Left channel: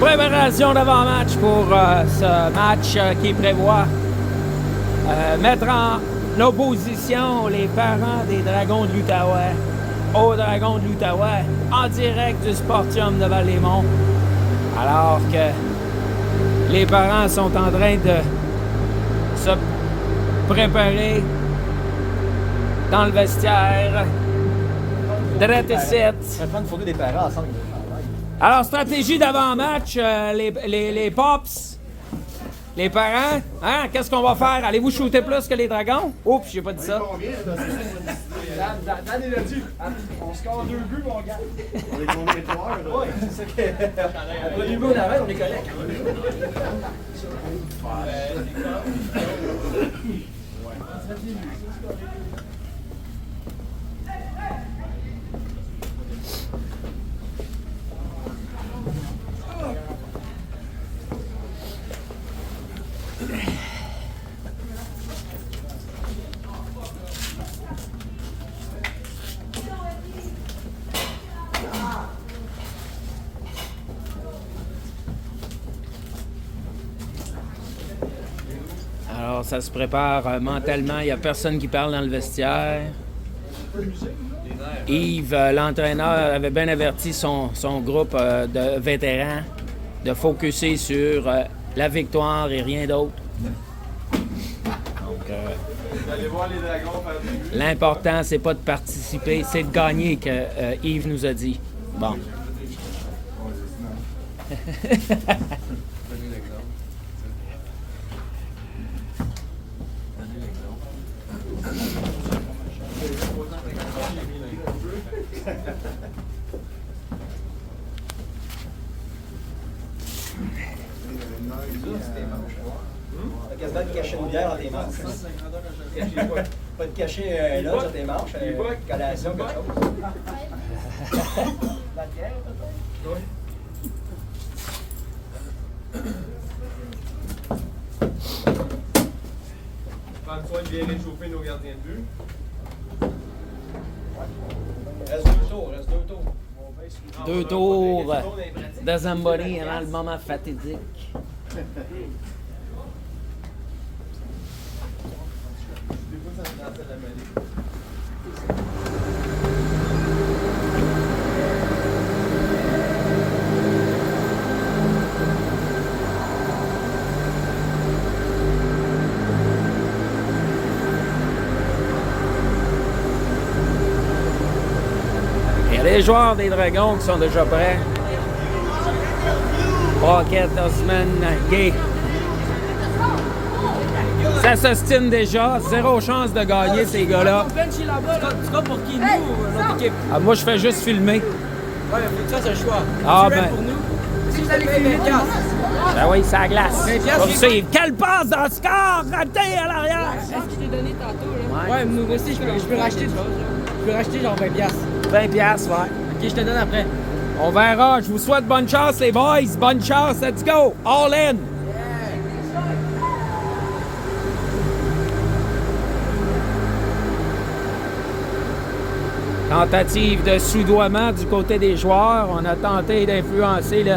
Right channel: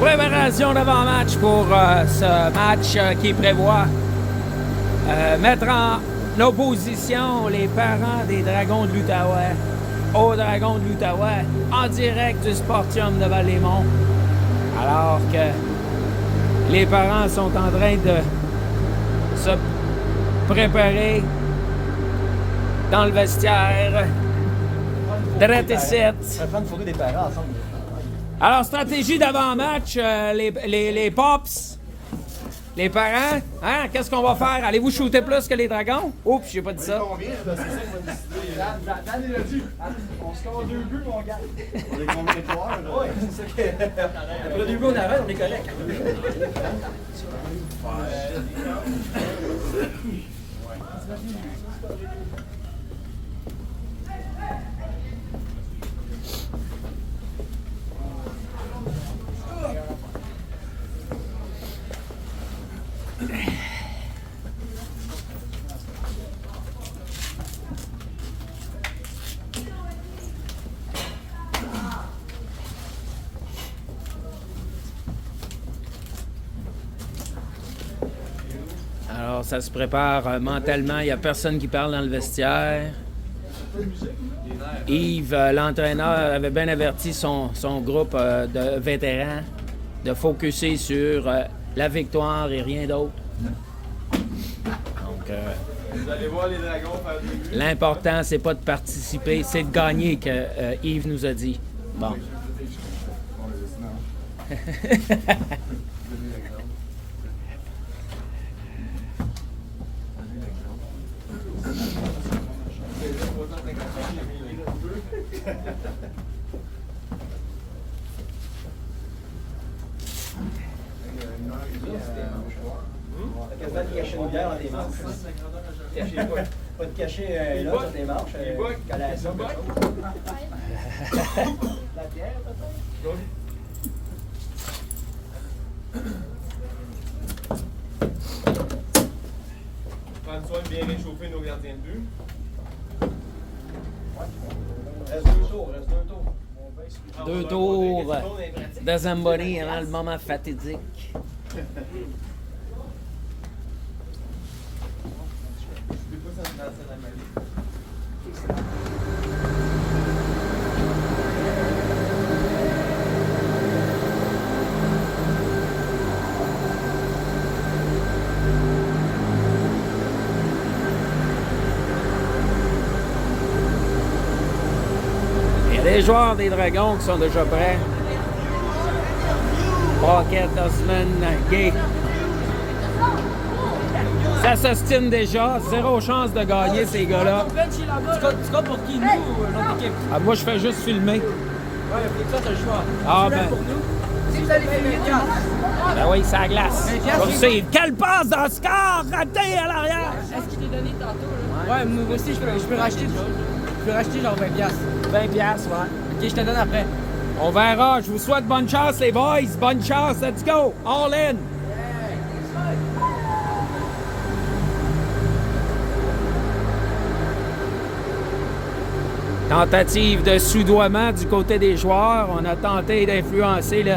Préparation d'avant-match pour ce match qui prévoit mettre en opposition les parents des Dragons de l'Outaouais aux Dragons de l'Outaouais en direct du Sportium de Val-les-Monts. Alors que les parents sont en train de se préparer dans le vestiaire. Drette et Ça prend une photo des parents ensemble. Alors, stratégie d'avant-match, les Pops, les parents, hein, qu'est-ce qu'on va faire? Allez-vous shooter plus que les Dragons? Oups, j'ai pas dit ça. On score 2 buts, mon gars. Oui, c'est ça que... Après 2 buts, on arrête, on est correct. Alors, ça se prépare mentalement. Il n'y a personne qui parle dans le vestiaire. Yves, l'entraîneur, avait bien averti son groupe de vétérans de focusser sur la victoire et rien d'autre. Donc, l'important, c'est pas de participer, c'est de gagner, que Yves nous a dit. Bon. T'as quasiment de cacher une bière dans tes manches. Pas de cacher là dans tes manches. Collation, quelque chose. La bière, peut-être? Prendre soin de bien réchauffer nos gardiens de but. Reste 2 tours, reste 2 tours. 2 tours de Zamboni avant le moment fatidique. Il y a des joueurs des Dragons qui sont déjà prêts. Rocket, Osman, Gay. Ça s'ostine déjà. 0 chance de gagner, ces gars-là. Tu vas pour qui, nous ou notre équipe? Ah, moi, je fais juste filmer. Ouais, ça, c'est le choix. Ah, ben. Pour nous, si vous allez filmer, Ben oui, ça glace. Comme c'est. Quelle passe dans le score! Raté à l'arrière! Est-ce que je t'ai donné tantôt, là? Ouais, moi aussi, je peux racheter. Je peux racheter genre 20$. 20$, ouais. Ok, je te donne après. On verra. Je vous souhaite bonne chance, les boys. Bonne chance. Let's go. All in. Tentative de soudoiement du côté des joueurs. On a tenté d'influencer le...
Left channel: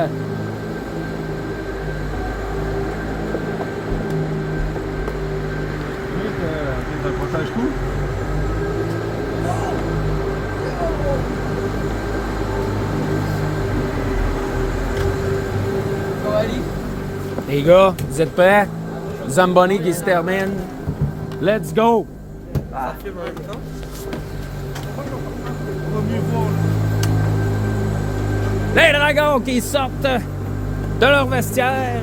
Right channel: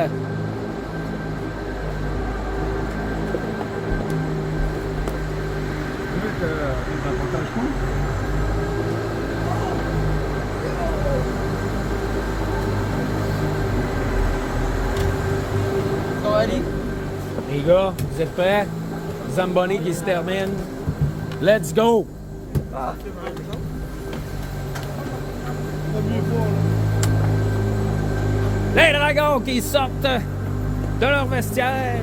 Les gars, vous êtes prêts? Zamboni qui se termine. Let's go! Les Dragons qui sortent de leur vestiaire.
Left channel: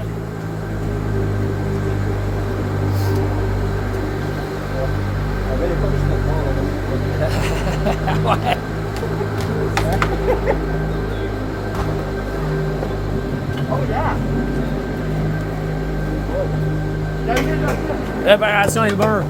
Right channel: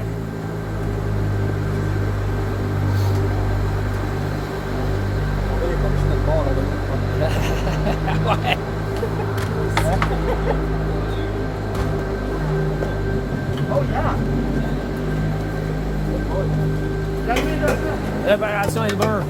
Ouais. Préparation et beurre.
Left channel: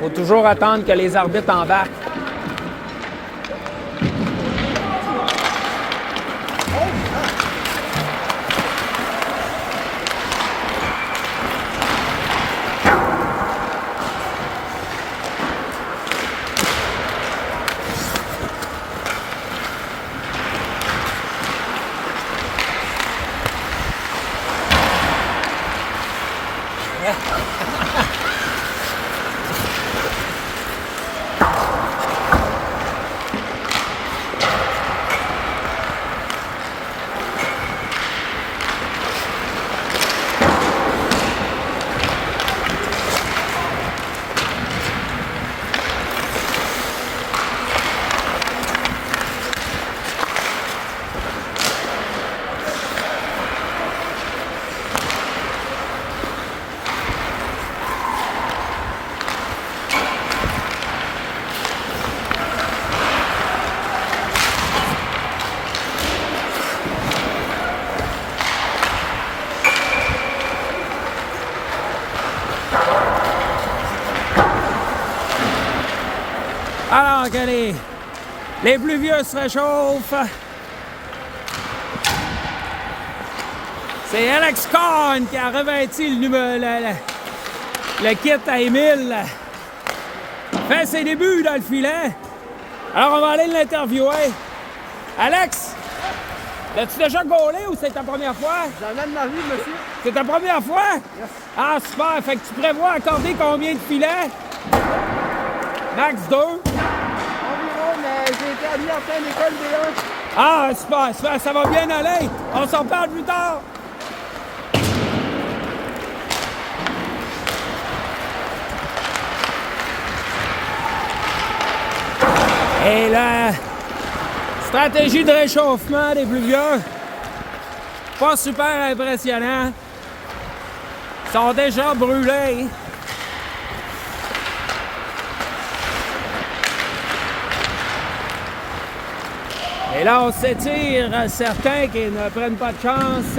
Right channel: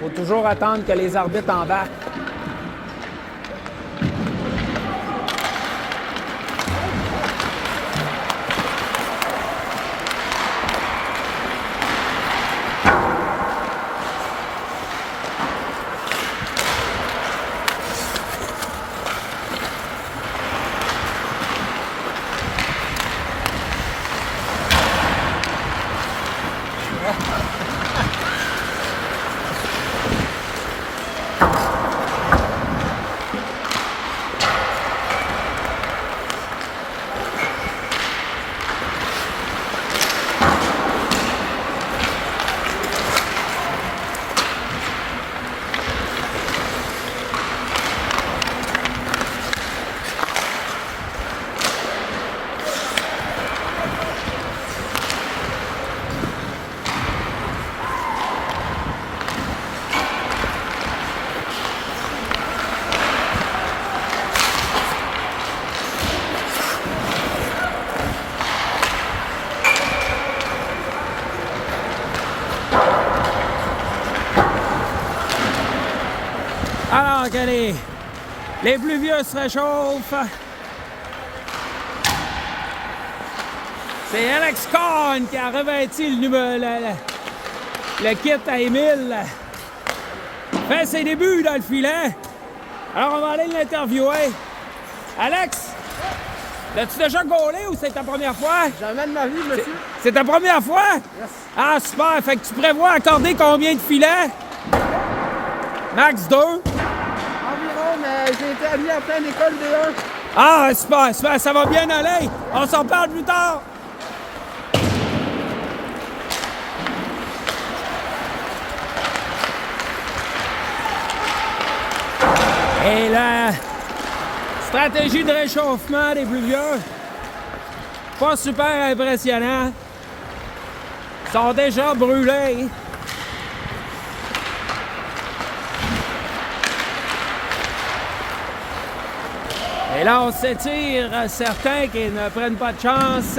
faut toujours attendre que les arbitres embarquent. Alors que les plus vieux se réchauffent. C'est Alex Kahn qui a revêti le kit à Émile. Fait ses débuts dans le filet. Alors on va aller l'interviewer. Alex, l'as-tu déjà gaulé ou c'est ta première fois? Jamais de ma vie, monsieur. C'est ta première fois? Yes. Ah super, fait que tu prévois accorder combien de filets? Max 2? J'ai été admis à plein d'école D1. Ah, super, super, ça va bien aller. On s'en parle plus tard. Et la stratégie de réchauffement des plus vieux, pas super impressionnant. Ils sont déjà brûlés. Et là, on s'étire, certains qui ne prennent pas de chance.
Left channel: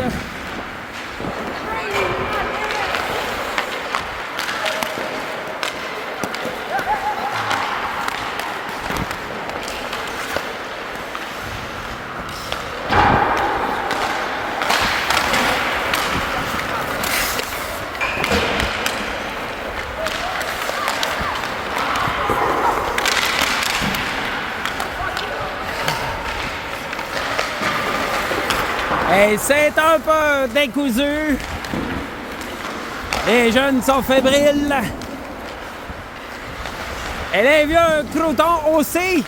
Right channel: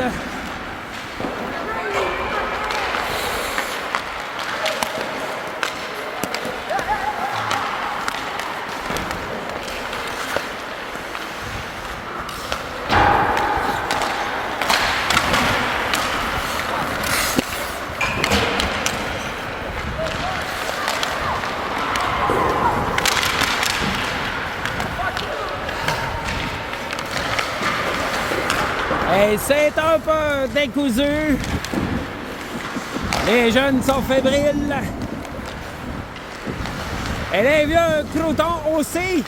Et c'est un peu décousu. Les jeunes sont fébriles. Et les vieux croutons aussi.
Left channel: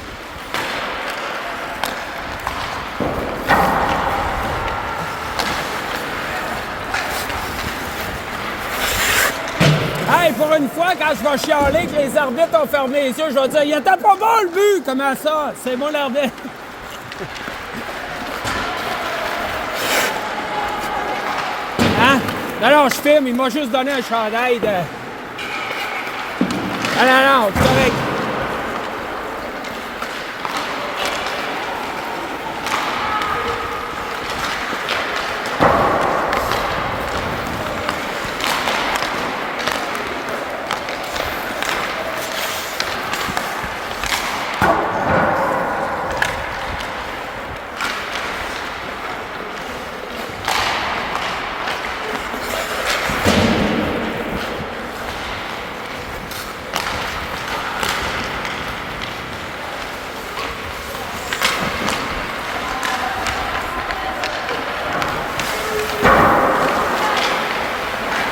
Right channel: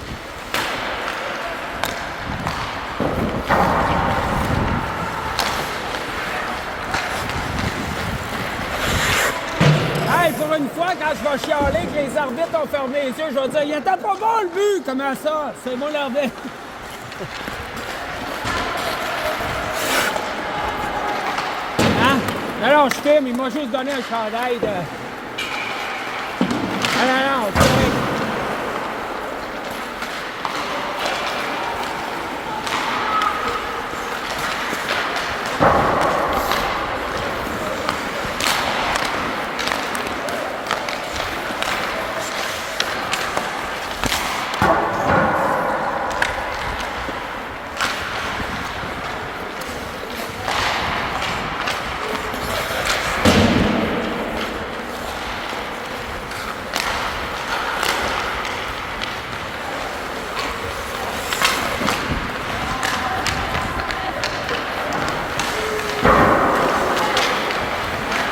Hey, pour une fois, quand je vais chialer que les arbitres ont fermé les yeux, je vais dire « Il était pas bon le but! » Comment ça? C'est moi l'arbitre. Hein? Non, je filme, il m'a juste donné un chandail de... Ah non, c'est correct.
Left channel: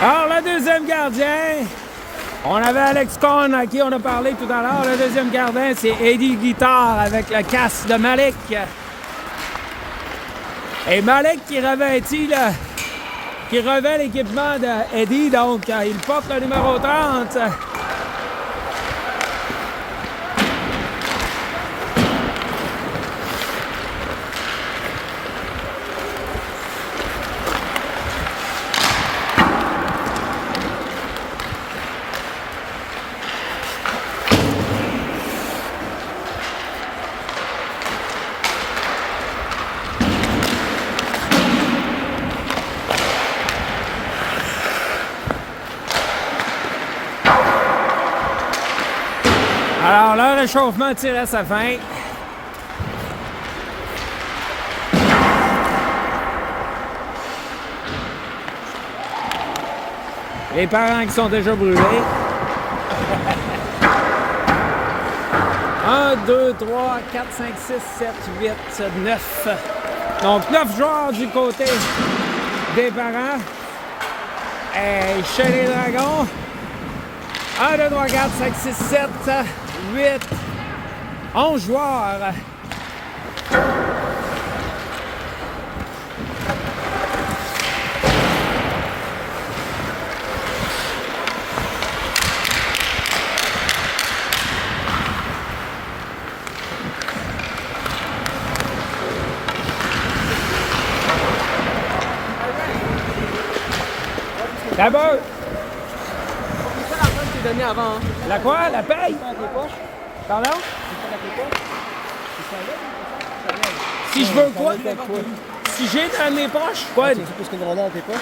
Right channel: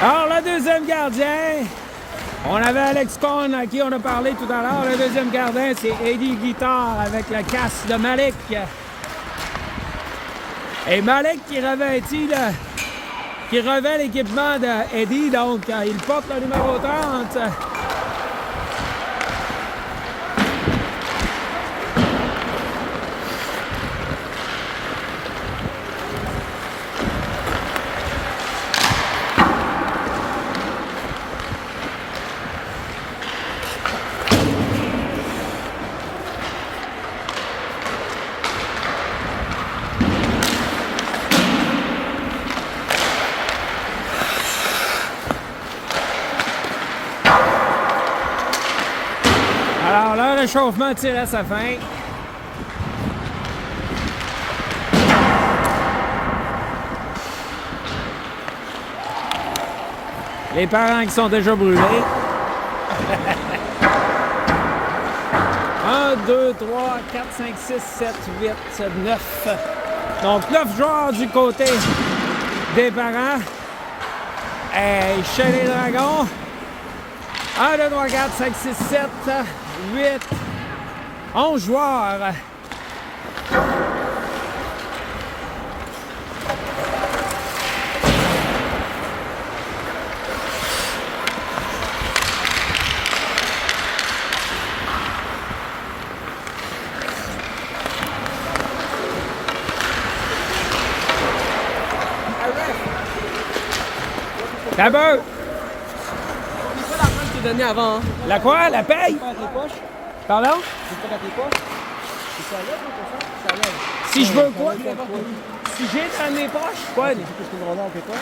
Alors, le deuxième gardien, on avait Alex Kahn à qui on a parlé tout à l'heure. Le deuxième gardien, c'est Eddie Guitard avec le casque de Malik. Et Malik qui revêt l'équipement d'Eddie, donc il porte le numéro 30. Alors, le réchauffement tire à sa fin. Les parents qui sont déjà brûlés. 1, 2, 3, 4, 5, 6, 7, 8, 9. Donc, 9 joueurs du côté des parents. Et chez les Dragons, 1, 2, 3, 4, 5, 6, 7, 8, 11 joueurs. D'abord, C'est donné avant. Hein. la quoi? La paye? Pardon? Si je veux quoi? Si j'ai dans mes poches? Quoi? Qu'est-ce que vous en avez dans tes poches?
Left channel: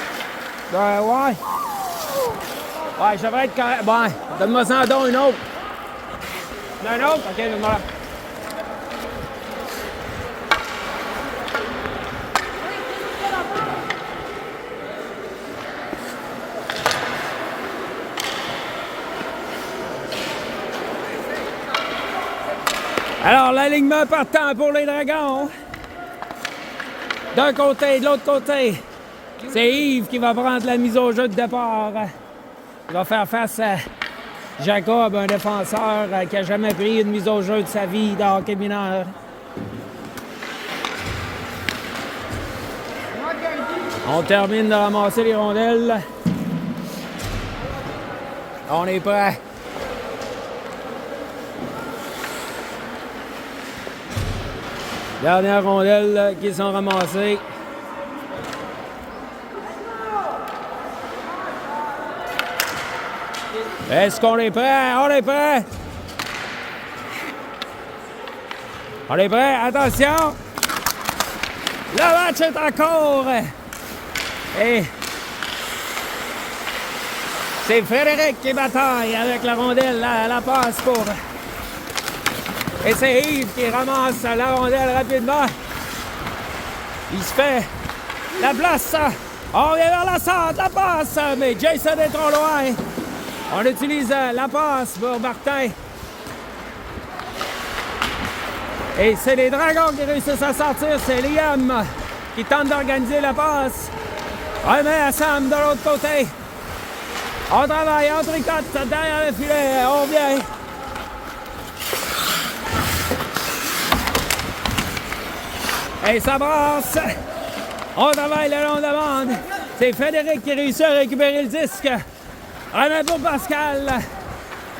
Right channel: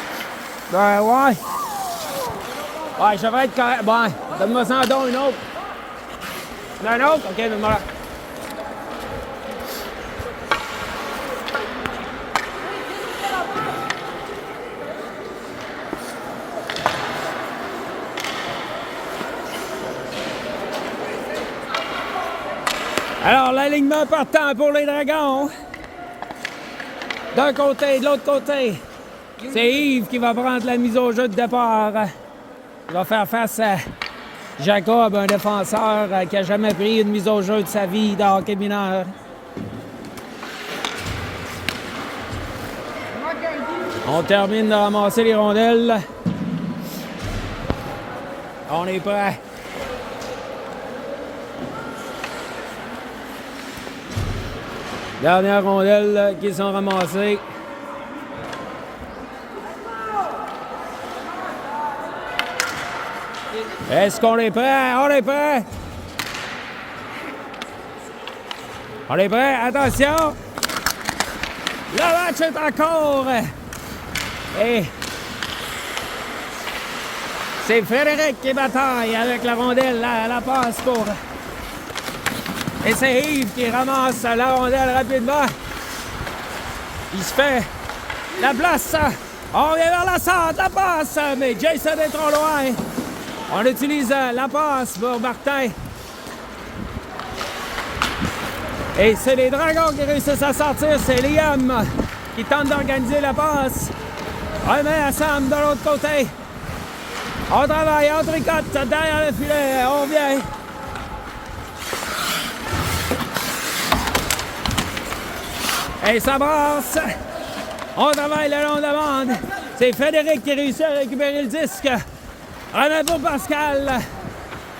Ben ouais. Ouais, je devrais être correct. Bon, donne-moi ça en don une autre. Un autre? Ok, donne-moi là. Alors, l'alignement partant pour les Dragons. D'un côté et de l'autre côté. C'est Yves qui va prendre la mise au jeu de départ. Il va faire face à Jacob, un défenseur qui n'a jamais pris une mise au jeu de sa vie de hockey mineur. On termine de ramasser les rondelles. On est prêt. Dernière rondelle qui sont ramassées. Est-ce qu'on est prêt? On est prêt! On est prêt? Attention! Le match est en cours! Et c'est Frédéric qui bataille avec la rondelle, la passe pour... Et c'est Yves qui ramasse la rondelle rapidement. Il se fait la place. On vient vers la centre, la passe, mais Jason est trop loin. On utilise la passe pour Martin. Et c'est les Dragons qui réussissent à sortir. C'est Liam qui tente d'organiser la passe. Remet à Sam de l'autre côté. On travaille, on tricote derrière le filet. On vient. Et ça brasse. On travaille le long de la bande. C'est Frédéric qui réussit à récupérer le disque. Remet pour Pascal.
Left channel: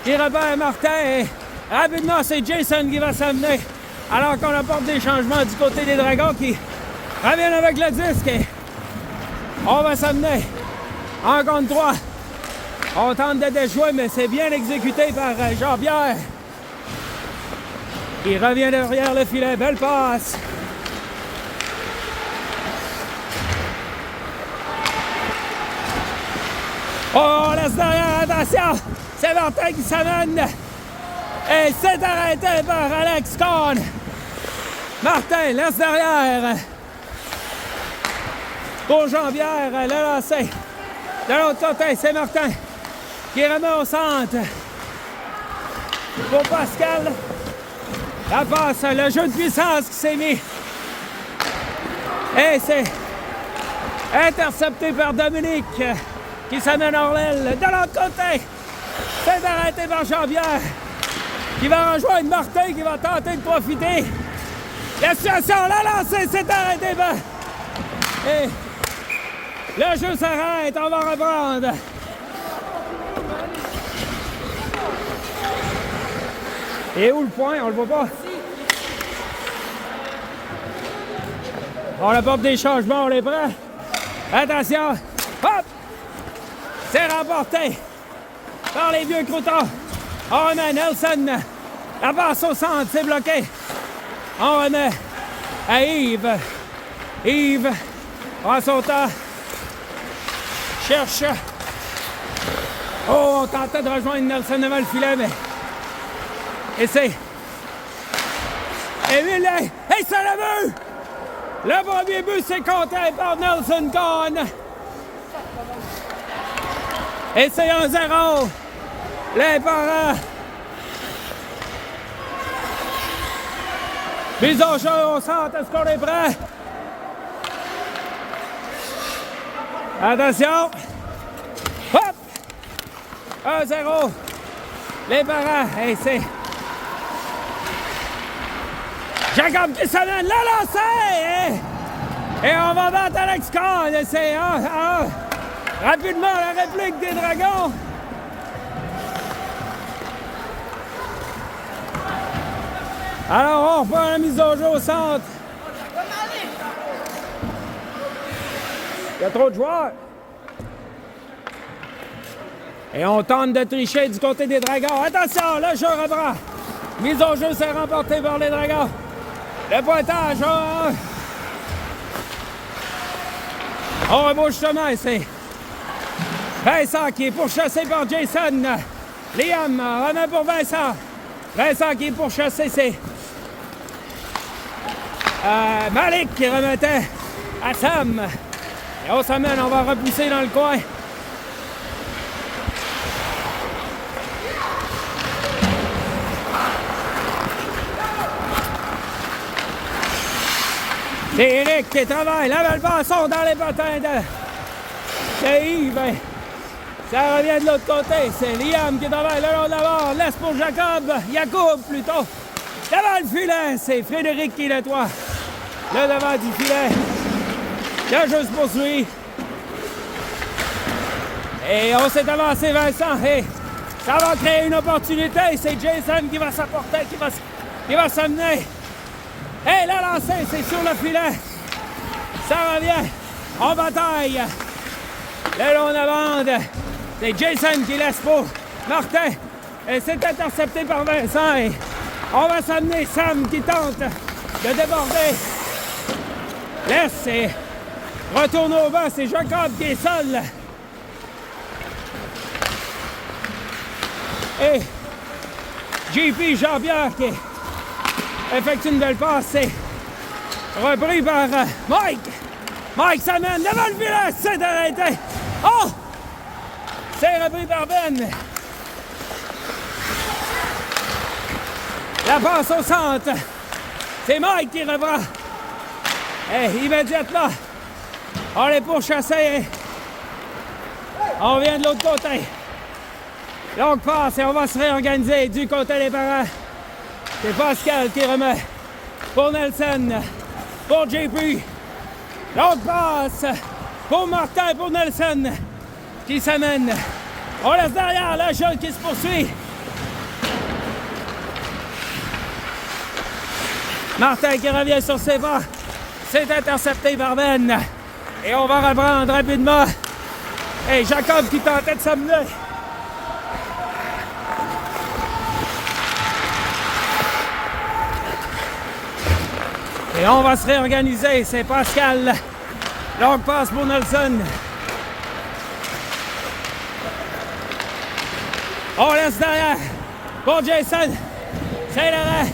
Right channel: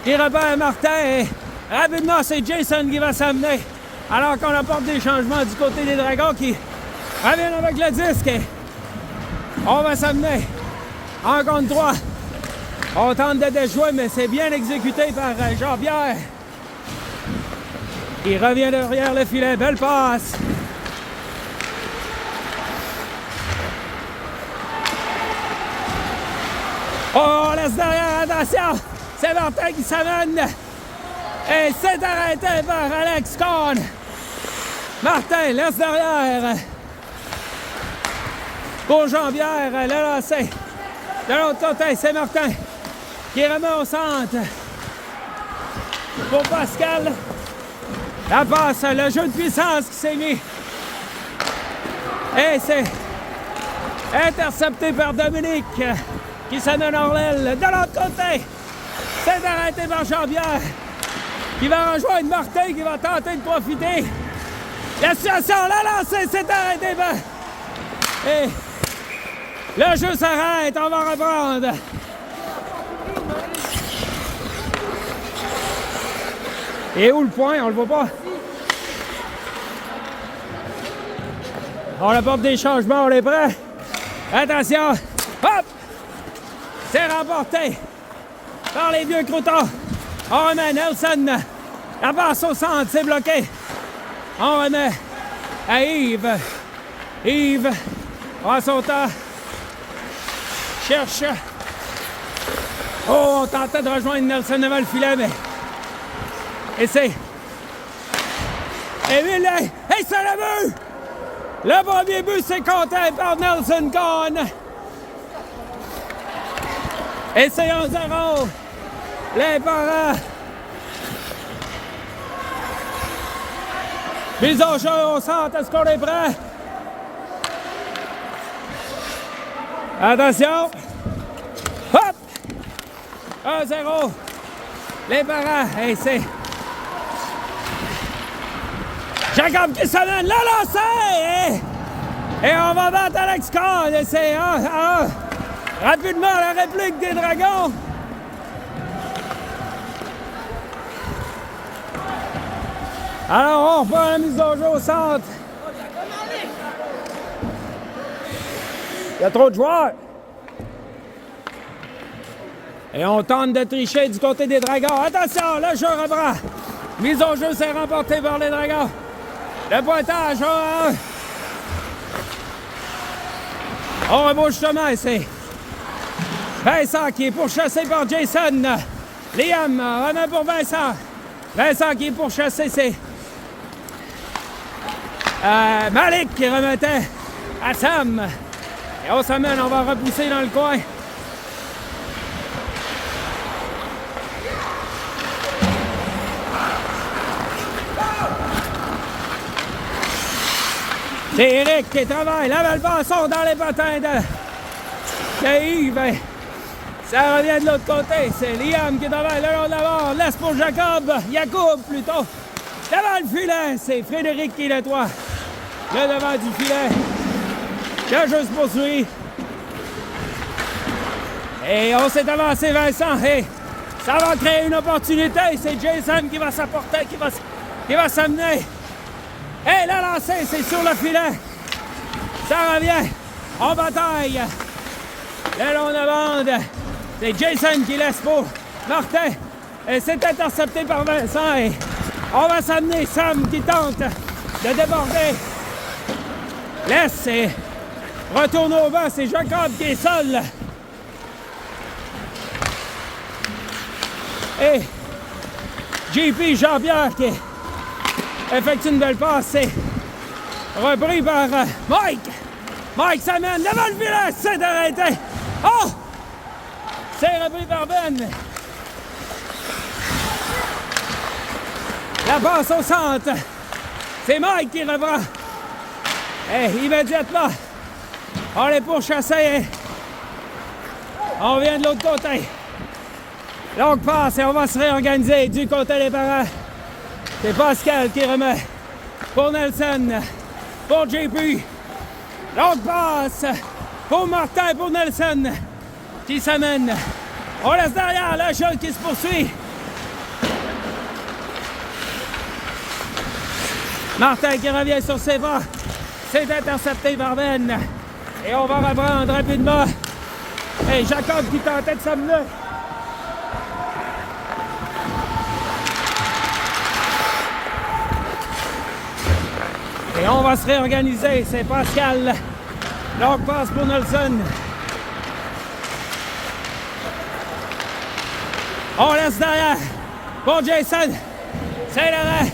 Qui repère Martin. Et rapidement, c'est Jason qui va s'amener. Alors qu'on apporte des changements du côté des Dragons qui reviennent avec le disque. Et on va s'amener. En contre 3. On tente de déjouer, mais c'est bien exécuté par Jean-Pierre. Il revient derrière le filet. Belle passe. Oh, on laisse derrière, attention! C'est Martin qui s'amène. Et c'est arrêté par Alex Cohn. Martin laisse derrière. Pour Jean-Pierre, le lancer. De l'autre côté, c'est Martin qui remet au centre. Pour Pascal. La passe, le jeu de puissance qui s'est mis. Et c'est intercepté par Dominique. Qui s'amène hors l'aile. De l'autre côté, c'est arrêté par Jean-Pierre, qui va rejoindre Martin, qui va tenter de profiter. La situation, la lancée, c'est arrêté par... Et le jeu s'arrête, on va reprendre. Et où le point? On le voit pas. On apporte des changements, on est prêt? Attention! Hop! C'est remporté par les vieux croutons. On remet Nelson. La passe au centre, c'est bloqué. On remet à Yves. Yves prend son temps. Cherche. Oh, on tentait de rejoindre Nelson devant le filet, mais Et c'est... Émile, hey, c'est le but! Le premier but, c'est compté par Nelson Kahn. Et c'est 1-0. Les parents. Mise au jeu au centre, est-ce qu'on est prêt? Attention. Hop! 1-0. Les parents. Et c'est... Jacob qui s'amène, la lancée! Et on va battre Alex Kahn. Et c'est 1-1. Rapidement, la réplique des Dragons. Alors, on reprend la mise au jeu au centre. Il y a trop de joueurs. Et on tente de tricher du côté des Dragons. Attention, le jeu reprend. Mise au jeu, c'est remporté par les Dragons. Le pointage, 1-1. On rebouche chemin, c'est Vincent qui est pourchassé par Jason. Liam remet pour Vincent. Vincent qui est pourchassé, c'est Malik qui remettait à Sam. Et on s'amène, on va repousser dans le coin. C'est Eric qui travaille. La belle passe sort dans les patins de Yves. Ça revient de l'autre côté. C'est Liam qui travaille le long de la barre. Laisse pour Jacob plutôt. Devant le filet, c'est Frédéric qui nettoie le devant du filet. Le jeu se poursuit. Et on s'est avancé, Vincent. Et ça va créer une opportunité. C'est Jason qui va s'apporter, qui va s'amener. Et la lancée, c'est sur le filet. Ça revient en bataille. Le long de la bande. C'est Jason qui laisse pour Martin. Et c'est intercepté par Vincent. Et on va s'amener Sam qui tente de déborder. Laisse et retourne au bas. C'est Jacob qui est seul. Et JP Jean-Pierre qui effectue une belle passe. C'est repris par Mike. Mike s'amène devant le filet. C'est arrêté. Oh! C'est repris par Ben. La passe au centre. C'est Mike qui reprend. Et immédiatement, on est pourchassé. On vient de l'autre côté. Donc passe et on va se réorganiser du côté des parents. C'est Pascal qui remet pour Nelson, pour JP. Donc passe pour Martin, pour Nelson qui s'amène. On laisse derrière le jeu qui se poursuit. Martin qui revient sur ses pas. C'est intercepté par Ben. Et on va reprendre rapidement. Et Jacob qui tentait de s'amener. Et on va se réorganiser. C'est Pascal. Donc passe pour Nelson. On laisse derrière pour Jason. C'est l'arrêt.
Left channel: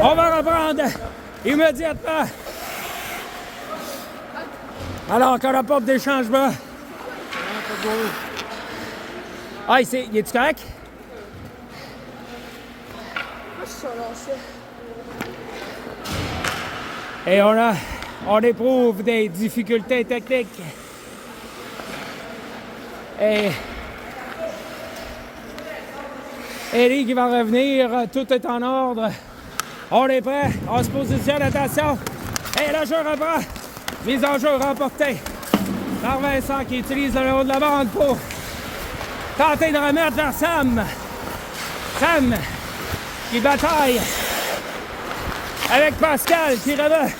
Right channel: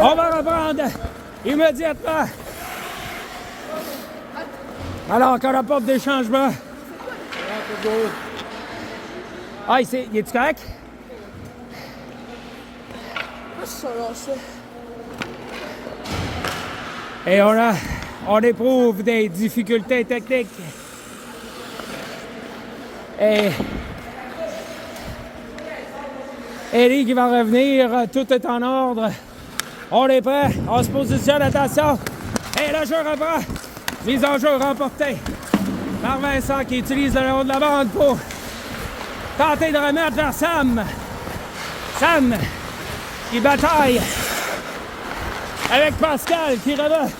On va reprendre immédiatement. Alors qu'on apporte des changements. Ah, ici, il est-tu correct? Et on éprouve des difficultés techniques. Et Eddie qui va revenir, tout est en ordre. On est prêt, on se positionne, attention. Et le jeu reprend. Mise en jeu remportée par Vincent qui utilise le long de la bande pour tenter de remettre vers Sam. Sam qui bataille avec Pascal qui remet.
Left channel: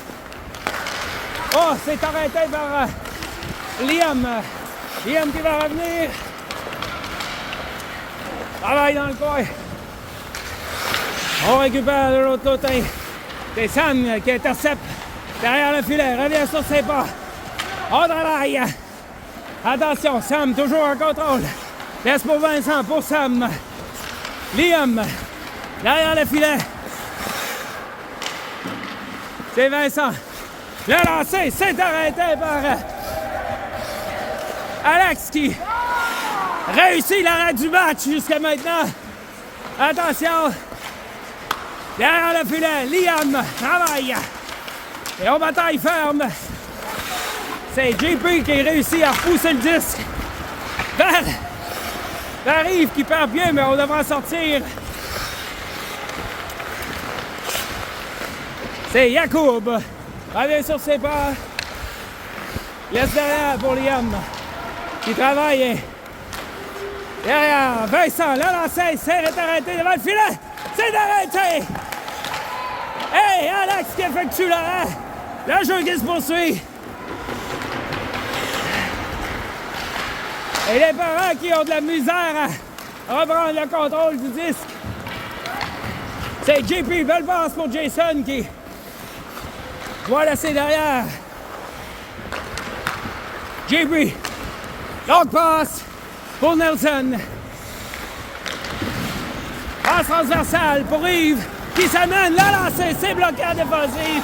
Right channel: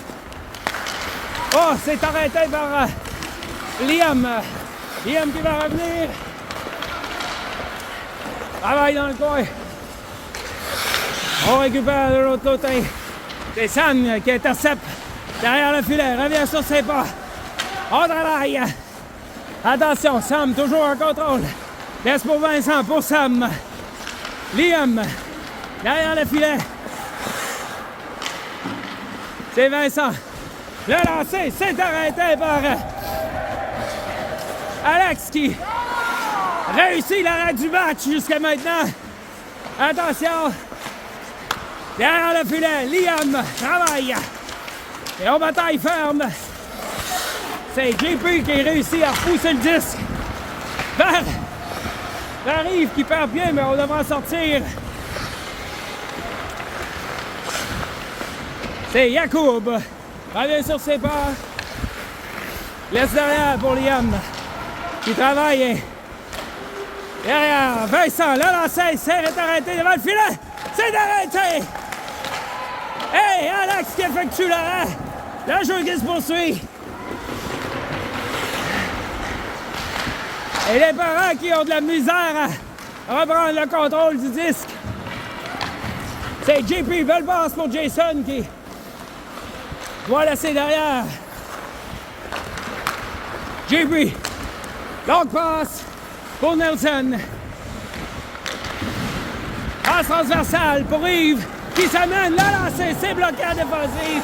Oh, c'est arrêté par Liam. Liam qui va revenir. Travaille dans le coin. On récupère de l'autre côté. C'est Sam qui intercepte derrière le filet. Revient sur ses pas. On travaille. Attention, Sam toujours en contrôle. Laisse pour Vincent, pour Sam. Liam, derrière le filet. C'est Vincent. Le lancer, c'est arrêté par Alex qui réussit l'arrêt du match jusqu'à maintenant. Attention. Derrière le filet, Liam travaille. Et on bataille ferme. C'est JP qui réussit à repousser le disque vers Yves qui perd bien, mais on devra sortir. C'est Yacoub. Revient sur ses pas. Laisse derrière pour Liam qui travaille. Derrière, Vincent, le lancer, c'est arrêté devant le filet. C'est arrêté. Hey, Alex qui effectue l'arrêt. Le jeu qui se poursuit. Et les parents qui ont de la misère à reprendre le contrôle du disque. C'est JP, belle passe pour Jason qui doit laisser derrière. JP, longue passe pour Nelson. Passe transversale pour Yves qui s'amène, la lancer, c'est bloqué à défensif.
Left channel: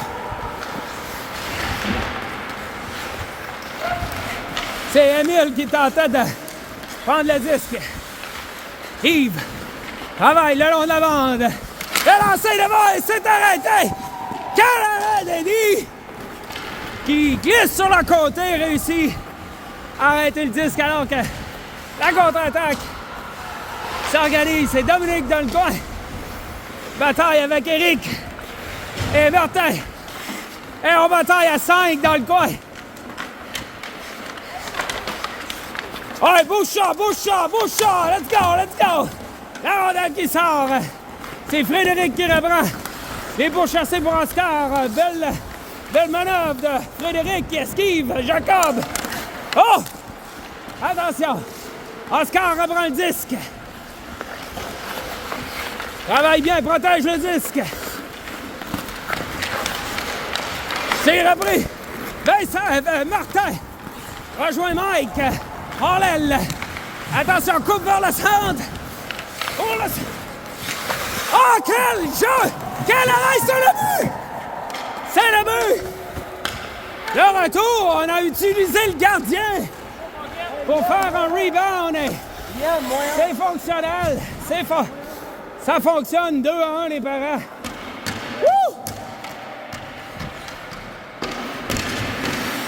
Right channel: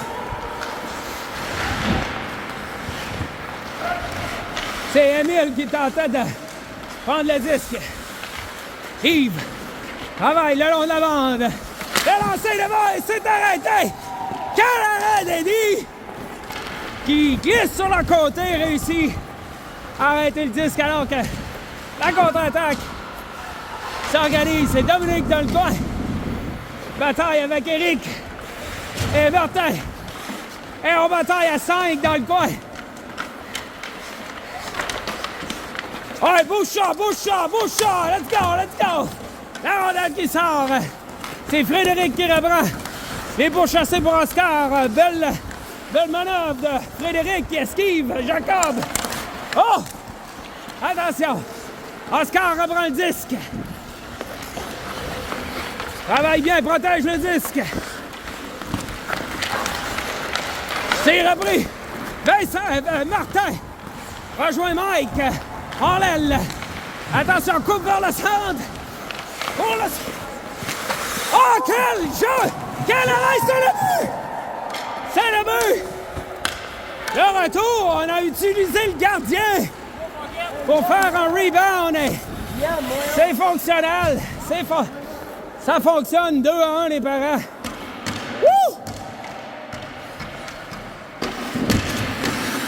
C'est Emile qui tentait de prendre le disque. Yves travaille le long de la bande. Le lancer devant et c'est arrêté. Quel arrêt d'Eddie qui glisse sur le côté, réussit à arrêter le disque alors que la contre-attaque s'organise. C'est Dominique dans le coin. Bataille avec Eric et Martin. Et on bataille à 5 dans le coin. Ouais, bouge ça, let's go! La rondelle qui sort. C'est Frédéric qui reprend. Les pourchassés pour Oscar. Belle manœuvre de Frédéric qui esquive Jacob. Oh! Attention! Oscar reprend le disque. Travaille bien, protège le disque. C'est repris. Vincent, Martin rejoint Mike. En l'aile. Attention, coupe vers le centre. Oh, quel jeu! Quel arrêt, c'est le but! C'est le but! Le retour, on a utilisé le gardien pour faire un rebound. C'est fonctionnel. Ça fonctionne 2-1 les parents. Wouh!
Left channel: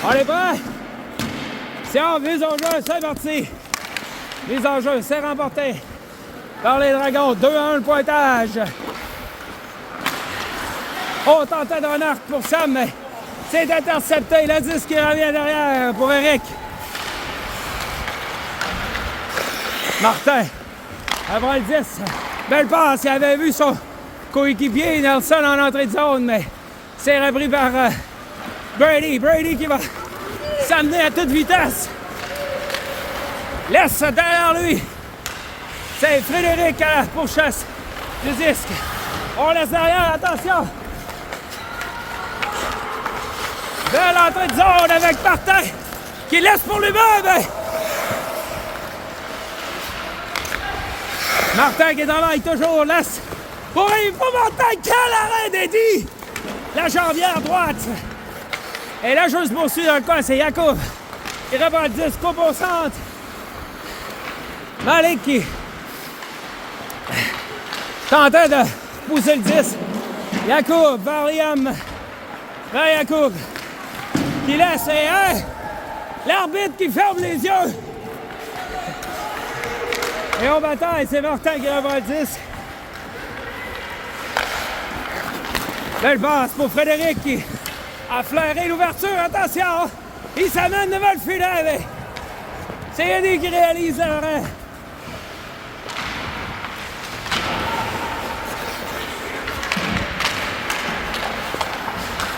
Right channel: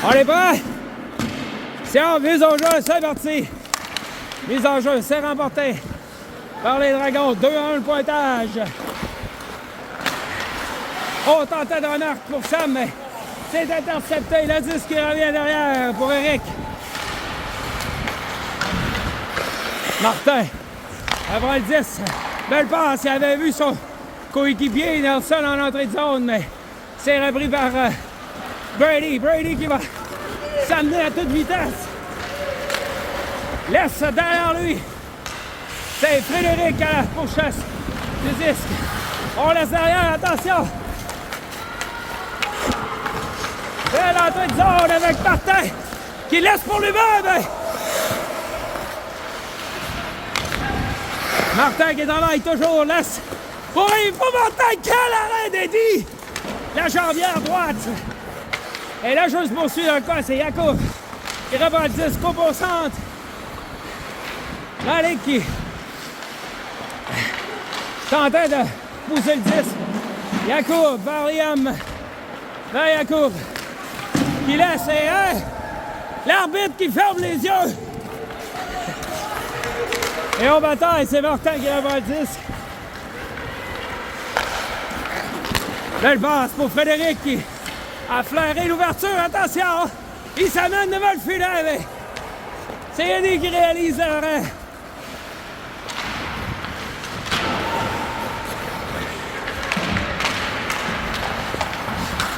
On est prêts? C'est en mise au jeu, c'est parti. Mise en jeu, c'est remporté par les Dragons. 2-1 le pointage. On tentait d'un arc pour Sam, mais c'est intercepté. Le disque qui revient derrière pour Eric. Martin, après le 10, belle passe. Il avait vu son coéquipier Nelson en entrée de zone, mais c'est repris par Brady. Brady qui va s'amener à toute vitesse. Laisse derrière lui. C'est Frédéric à la pourchasse du disque. On laisse derrière, attention. De l'entrée de zone avec Martin qui laisse pour lui-même. Martin qui travaille toujours, laisse pour Martin. Quel arrêt d'Eddie! La jambière droite. Et là, juste poursuit dans le coin, c'est Yacoub qui reprend le disque, coupe au centre. Malik qui tentait de pousser le disque. Yacoub vers Liam. Vers Yacoub qui laisse l'arbitre qui ferme les yeux. Et on bataille, c'est Martin qui reprend le disque. Belle passe pour Frédéric qui a flairé l'ouverture. Attention! Il s'amène devant le filet, mais c'est Eddie qui réalise l'arrêt.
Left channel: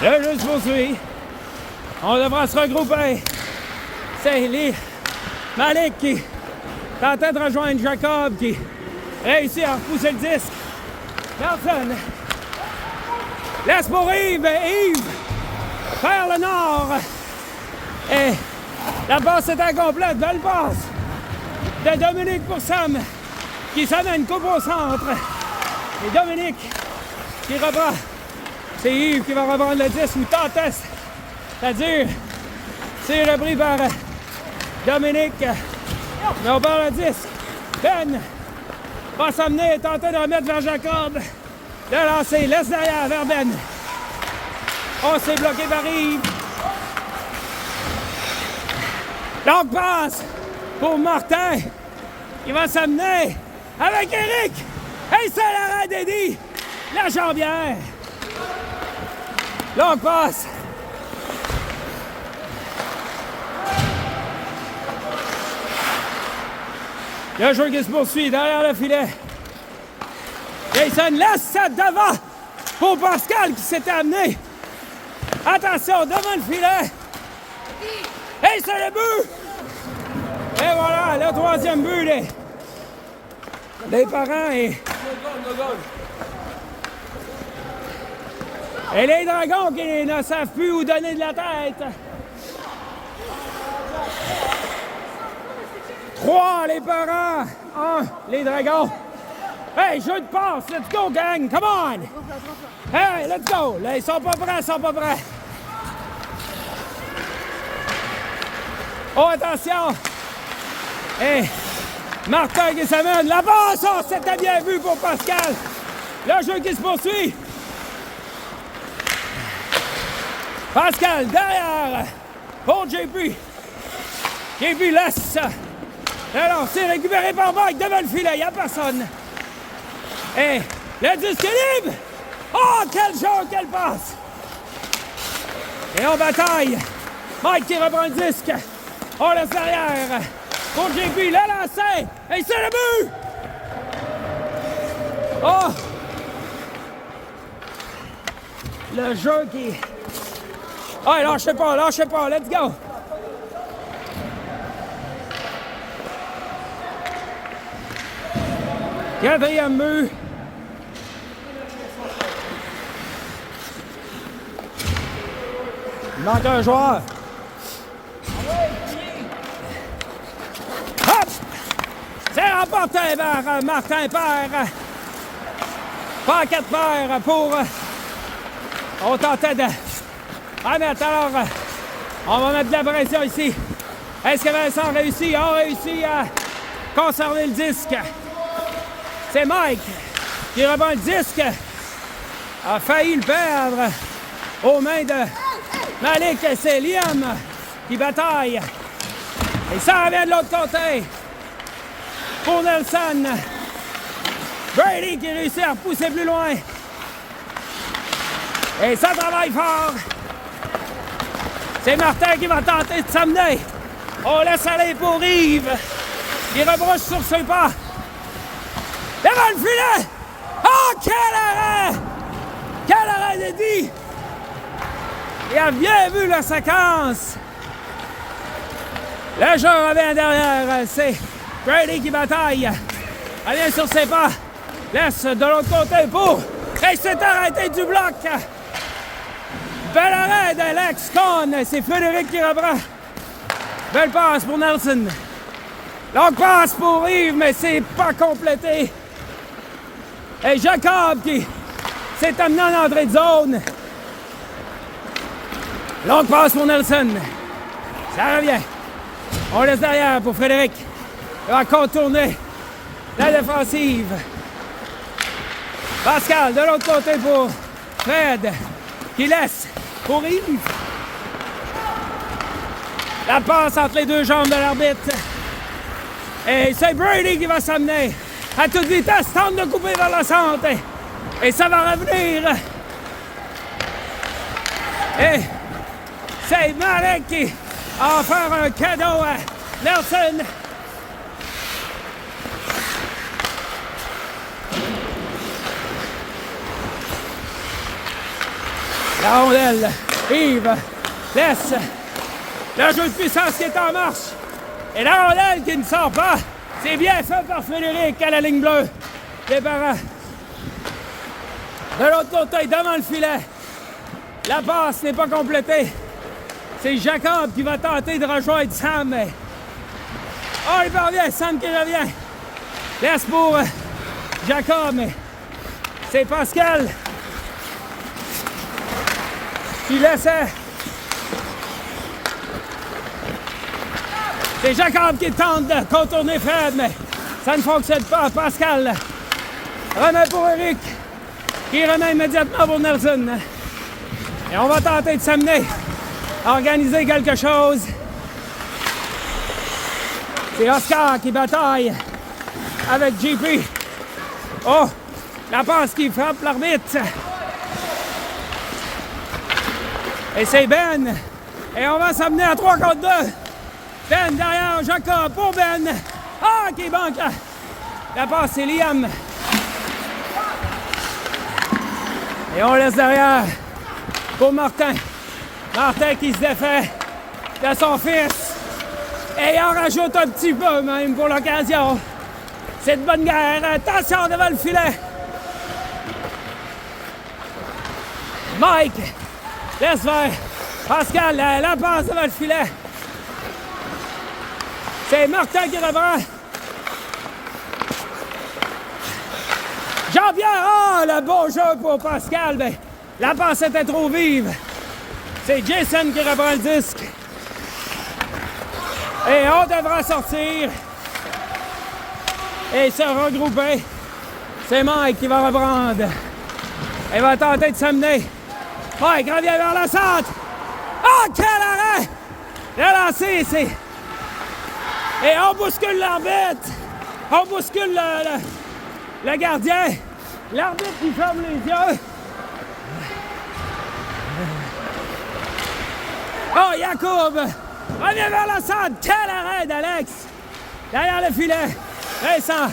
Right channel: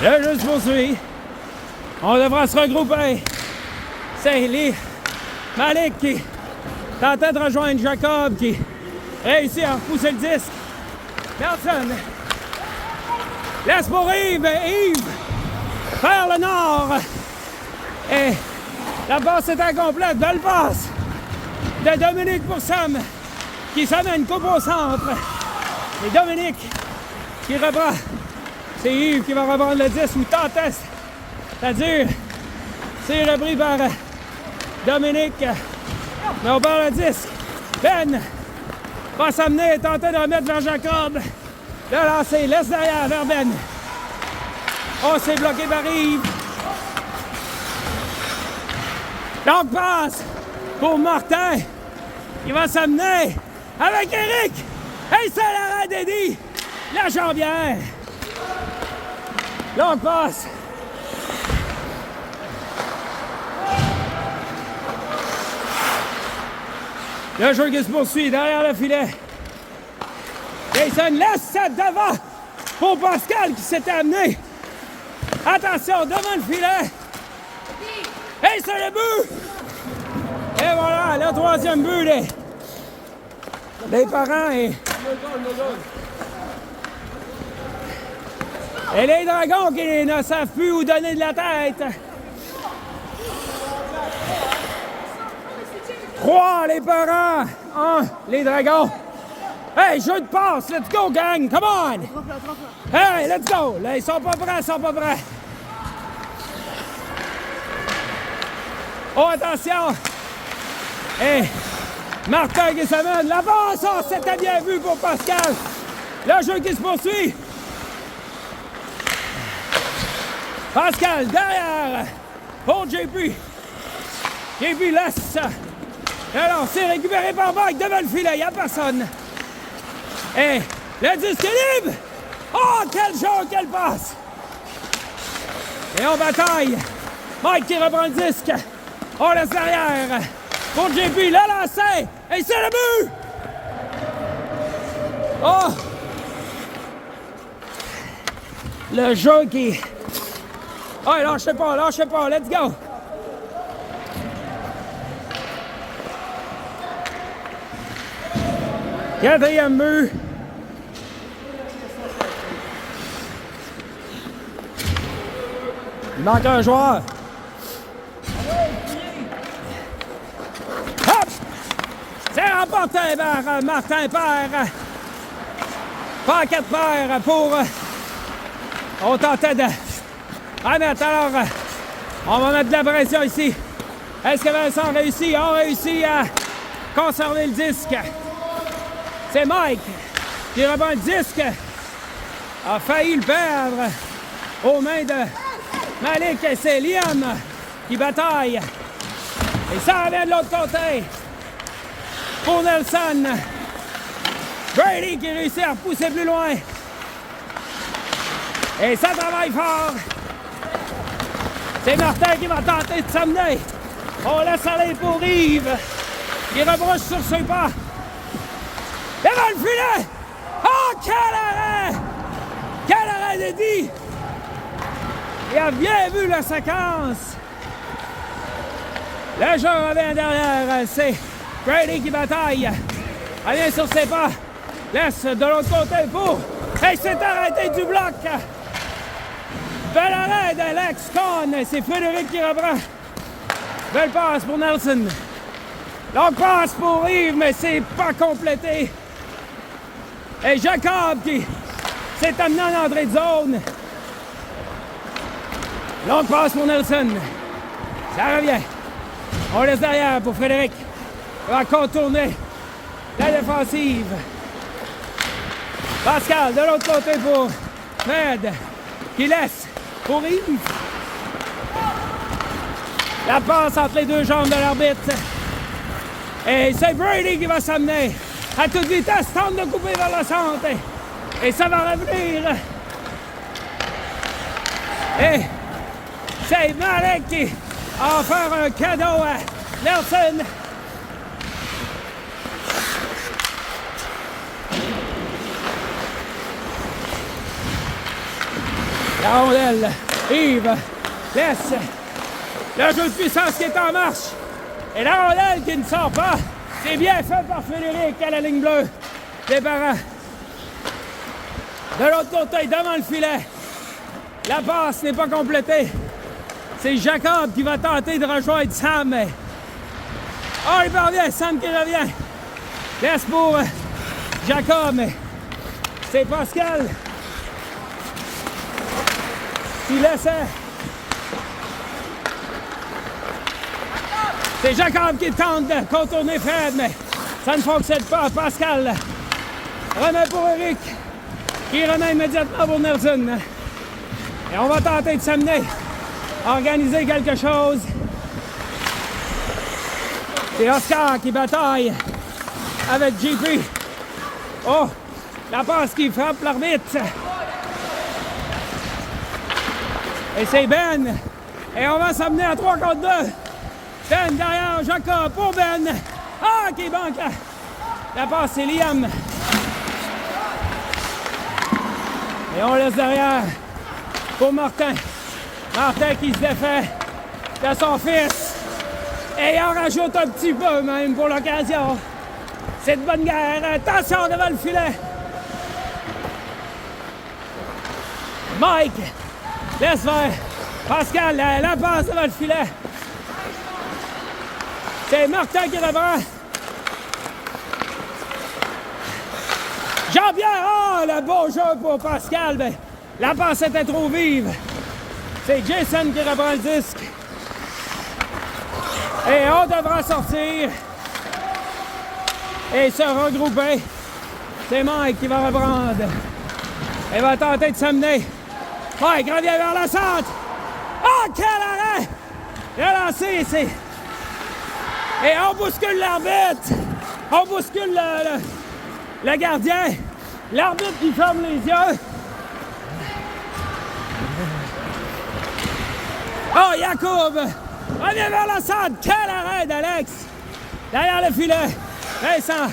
Le jeu se poursuit. On devra se regrouper. C'est Malik qui tentait de rejoindre Jacob qui réussit à repousser le disque. Personne. Laisse pour Yves. Yves vers le nord. Et la passe est incomplète. Belle passe de Dominique pour Sam. qui s'amène coupe au centre. Et Dominique qui reprend. C'est Yves qui va reprendre le 10 ou Tantès. Ça dure. C'est repris par Dominique. Mais on perd le 10. Ben va s'amener et tenter de remettre vers Jacob. Le lancer, laisse derrière vers Ben. On s'est bloqué par Yves. Donc passe pour Martin. Il va s'amener avec Éric. Et c'est l'arrêt d'Eddie. La jambière. Longue passe. Le jeu qui se poursuit derrière le filet. Jason laisse ça devant pour Pascal qui s'était amené. Attention, devant le filet. Et c'est le but. Et voilà, le troisième but des parents. Et les Dragons qui ne savent plus où donner de la tête. 3, les parents. 1, les Dragons. Hey, jeu de passe. Let's go, gang. Come on. Hey, let's go. Là, ils sont pas prêts, Oh, attention. Hey, Martin qui s'amène. La passe. Oh, c'était bien vu pour Pascal. Le jeu qui se poursuit. Pascal, derrière. Pour JP. JP laisse. Alors, c'est récupéré par Mike devant le filet. Il n'y a personne. Et le disque est libre. Oh, quel jeu, quelle passe. Et on bataille. Mike qui reprend le disque. On laisse derrière. Pour JP, le lancer. Et c'est le but. Oh. Le jeu qui... Oh, lâchez pas, let's go! Quatrième but. Il manque un joueur. Hop! C'est remporté par Martin Père. Pas 4 paires pour... On tentait de... mettre alors... On va mettre de la pression ici. Est-ce que Vincent a réussi à conserver le disque? C'est Mike qui reprend le disque. A failli le perdre aux mains de Malik. Et c'est Liam qui bataille. Et ça revient de l'autre côté. Pour Nelson. Brady qui réussit à repousser plus loin. Et ça travaille fort. C'est Martin qui va tenter de s'amener. On laisse aller pour Yves. Il rebrousse sur ses pas. Devant le filet! Oh, quel arrêt! Quel arrêt d'Eddie! Il a bien vu la séquence. Le jeu revient derrière. C'est Brady qui bataille. Elle vient sur ses pas. Laisse de l'autre côté pour... Et c'est arrêté du bloc. Bel arrêt d'Alex Cohn. C'est Frédéric qui reprend. Belle passe pour Nelson. Longue passe pour Yves, mais c'est pas complété. Et Jacob qui s'est amené en entrée de zone. Longue passe pour Nelson. Ça revient. On laisse derrière pour Frédéric. Il va contourner la défensive. Pascal de l'autre côté pour Fred qui laisse pour Yves. La passe entre les deux jambes de l'arbitre. Et c'est Brady qui va s'amener. À toute vitesse, tente de couper vers le centre. Et ça va revenir. Et c'est Malek qui a offert un cadeau à Nelson. La rondelle. Yves laisse le jeu de puissance qui est en marche. Et la rondelle qui ne sort pas. C'est bien fait par Frédéric à la ligne bleue. Les parents. De l'autre côté, devant le filet. La passe n'est pas complétée. C'est Jacob qui va tenter de rejoindre Sam. Oh, il parvient. Sam qui revient. Laisse pour Jacob, mais c'est Pascal qui laissait. C'est Jacob qui tente de contourner Fred, mais ça ne fonctionne pas. Pascal remet pour Eric, qui remet immédiatement pour Nelson. Et on va tenter de s'amener à organiser quelque chose. C'est Oscar qui bataille avec JP. Oh, la passe qui frappe l'arbitre. Et c'est Ben. Et on va s'amener à 3 contre 2. Ben derrière Jacob pour Ben. Ah, qui manque. La passe, c'est Liam. Et on laisse derrière pour Martin. Martin qui se défait de son fils. Et il en rajoute un petit peu même pour l'occasion. C'est de bonne guerre. Attention devant le filet. Mike laisse faire. Pascal, la passe devant le filet. C'est Martin qui reprend. Jean-Pierre, oh, le beau jeu pour Pascal. Ben, la passe était trop vive. C'est Jason qui reprend le disque. Et on devra sortir et se regrouper. C'est Mike qui va reprendre. Il va tenter de s'amener. Mike revient vers la centre. Oh, quel arrêt! Le lancer, c'est... Et on bouscule l'arbitre. On bouscule le gardien. L'arbitre qui ferme les yeux. Oh, Jacob revient vers la centre. Quel arrêt d'Alex! Derrière le filet. Vincent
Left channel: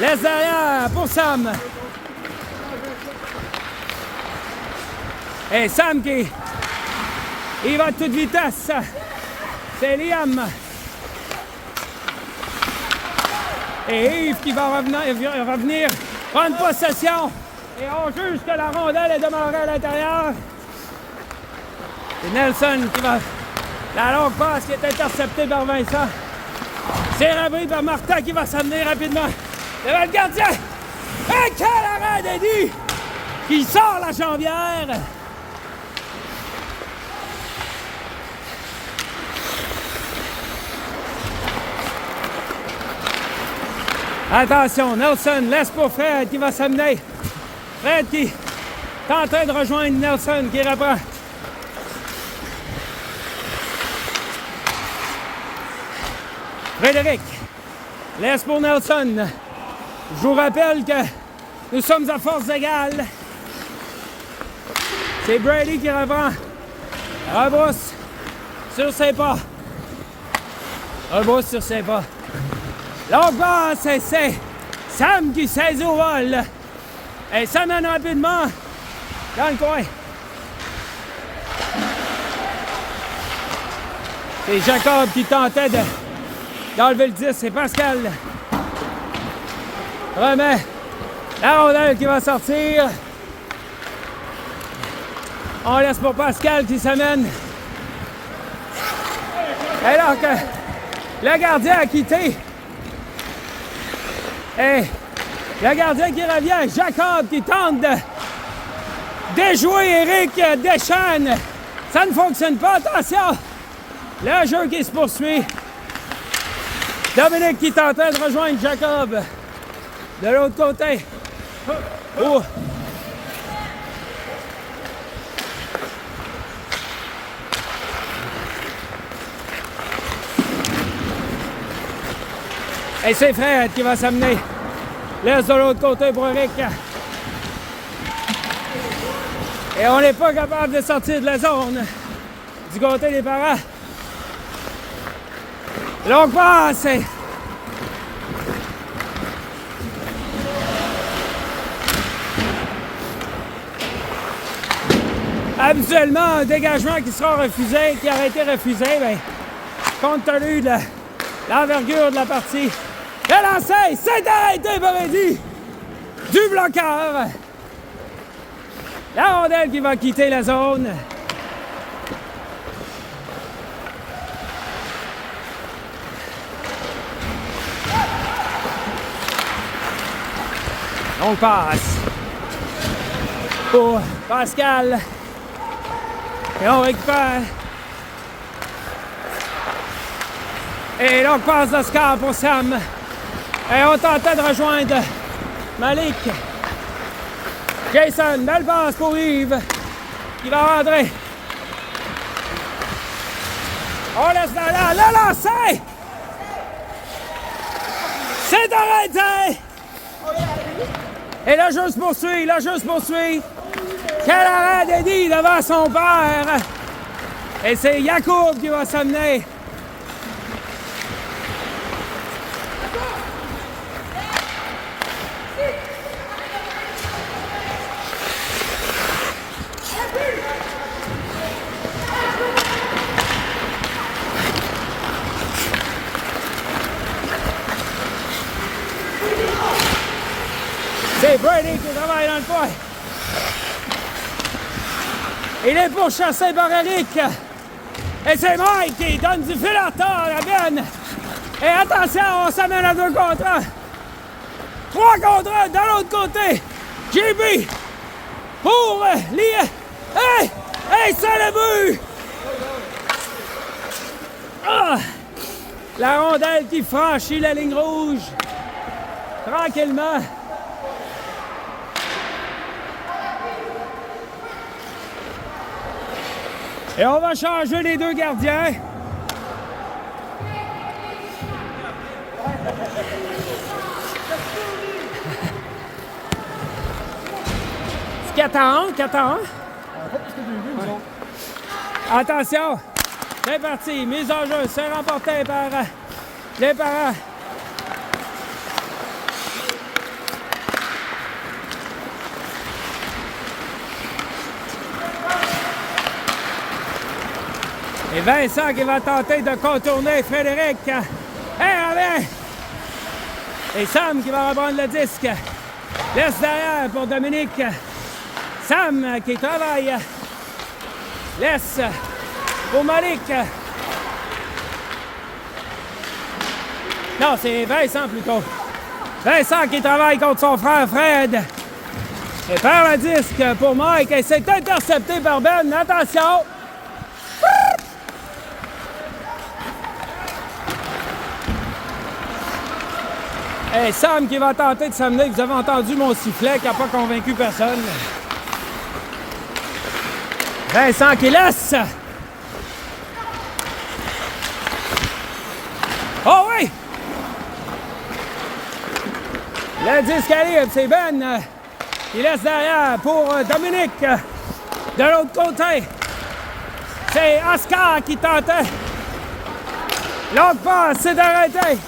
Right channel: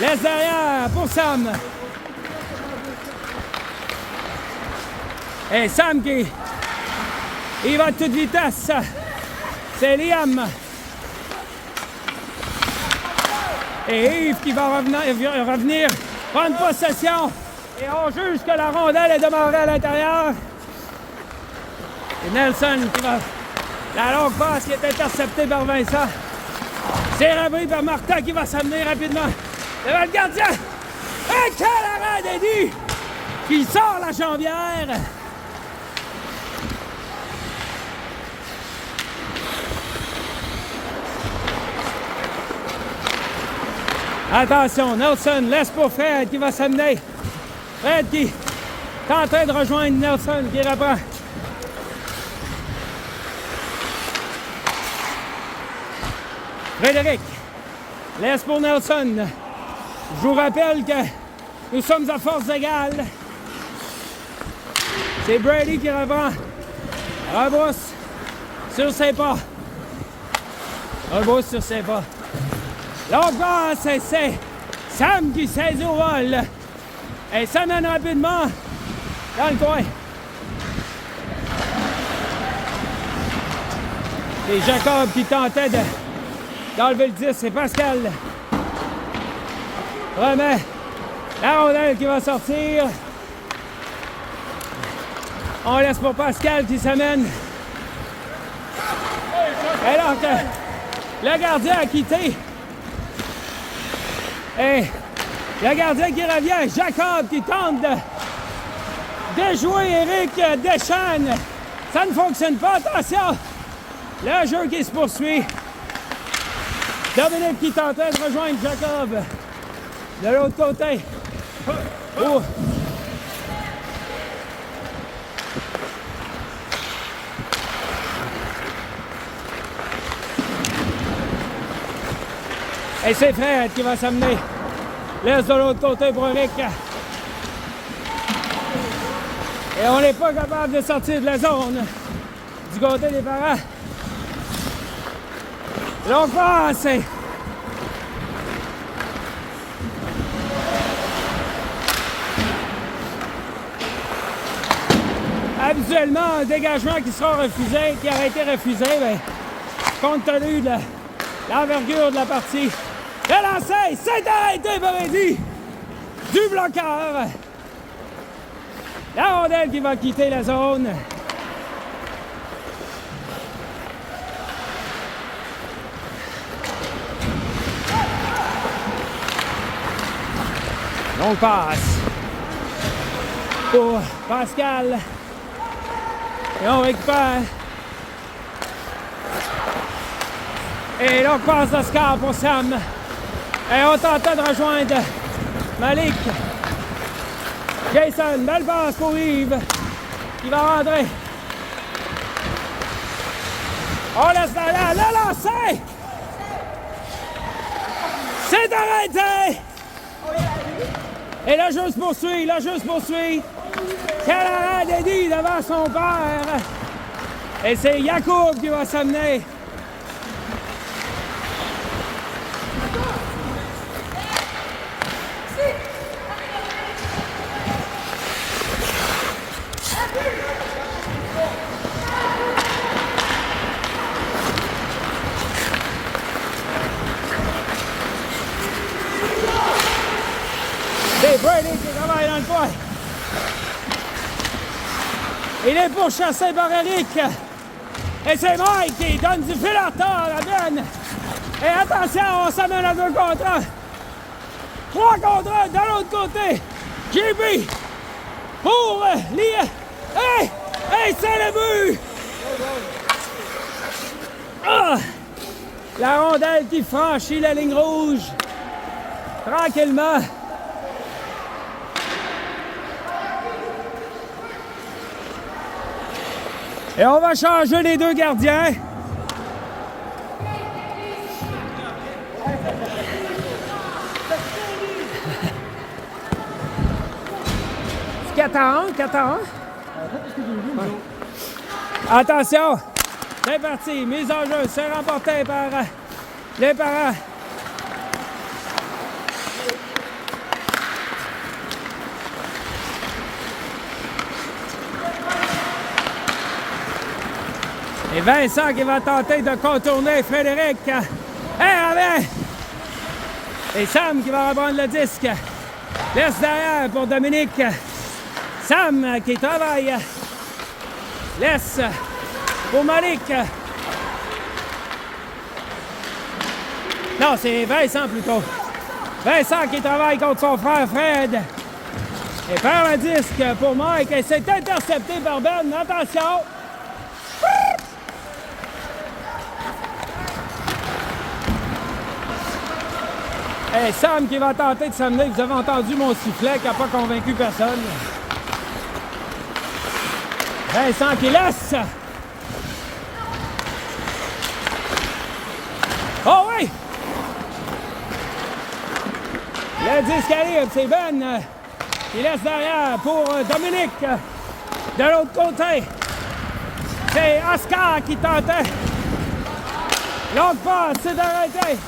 laisse derrière pour Sam. Et Sam qui... Il va à toute vitesse. C'est Liam. Et Yves qui va revenir prendre possession. Et on juge que la rondelle est demeurée à l'intérieur. C'est Nelson qui va... La longue passe qui est interceptée par Vincent. C'est repris par Martin qui va s'amener rapidement devant le gardien. Et quel arrêt d'Eddie qui sort la jambière. Attention, Nelson laisse pour Fred qui va s'amener. Fred qui est en train de rejoindre Nelson qui reprend. Frédéric laisse pour Nelson. Je vous rappelle que nous sommes à force égale. C'est Brady qui reprend. Rebrousse sur ses pas. Rebrousse sur ses pas. L'autre passe, c'est Sam qui saisit au vol. Et ça mène rapidement dans le coin. C'est Jacob qui tentait d'enlever le 10. C'est Pascal. Remet la rondelle qui va sortir. On laisse pour Pascal qui s'amène. Alors que le gardien a quitté. Et le gardien qui revient, Jacob qui tente de déjouer Eric Deschênes. Ça ne fonctionne pas, attention! Le jeu qui se poursuit. Dominique qui tentait de rejoindre Jacob. De l'autre côté. Oh. Et c'est Fred qui va s'amener. Laisse de l'autre côté pour Eric. Et on n'est pas capable de sortir de la zone du côté des parents. Longue passe. Habituellement, un dégagement qui sera refusé, qui aurait été refusé, bien, compte tenu de l'envergure de la partie. Le lancer, c'est arrêté par Eddie du bloqueur. La rondelle qui va quitter la zone. Longue passe pour Pascal. Et on récupère. Et longue passe d'Oscar pour Sam. Et on tentait de rejoindre Malik. Jason, belle passe pour Yves. Il va rentrer. On laisse là, le lancer! C'est arrêté! Et le jeu se poursuit, le jeu se poursuit. Quel arrêt d'Eddie devant son père! Et c'est Yacoub qui va s'amener. C'est Brady qui travaille dans le coin. Il est pourchassé par Eric. Et c'est Mike qui donne du fil à retard à Gunn. Et attention, on s'amène à 2 contre 1. 3 contre 1 de l'autre côté. JB pour Lia. Hey! Hey, c'est le but! Ah! La rondelle qui franchit la ligne rouge. Tranquillement. Et on va changer les 2 gardiens. C'est 4 à 1, 4 à 1. Ouais. Attention, c'est parti, mise en jeu, c'est remporté par les parents. Et Vincent qui va tenter de contourner Frédéric. Allez! Et Sam qui va reprendre le disque. Laisse derrière pour Dominique. Sam qui travaille. Laisse pour Malik. Non, c'est Vincent plutôt. Vincent qui travaille contre son frère Fred. Et perd un disque pour Mike. Et c'est intercepté par Ben. Attention! Et Sam qui va tenter de s'amener. Vous avez entendu mon sifflet qui n'a pas convaincu personne. Vincent qui laisse. Oh oui! Le disque arrive, c'est Ben qui laisse derrière pour Dominique. De l'autre côté, c'est Oscar qui tentait. L'autre passe, c'est arrêté.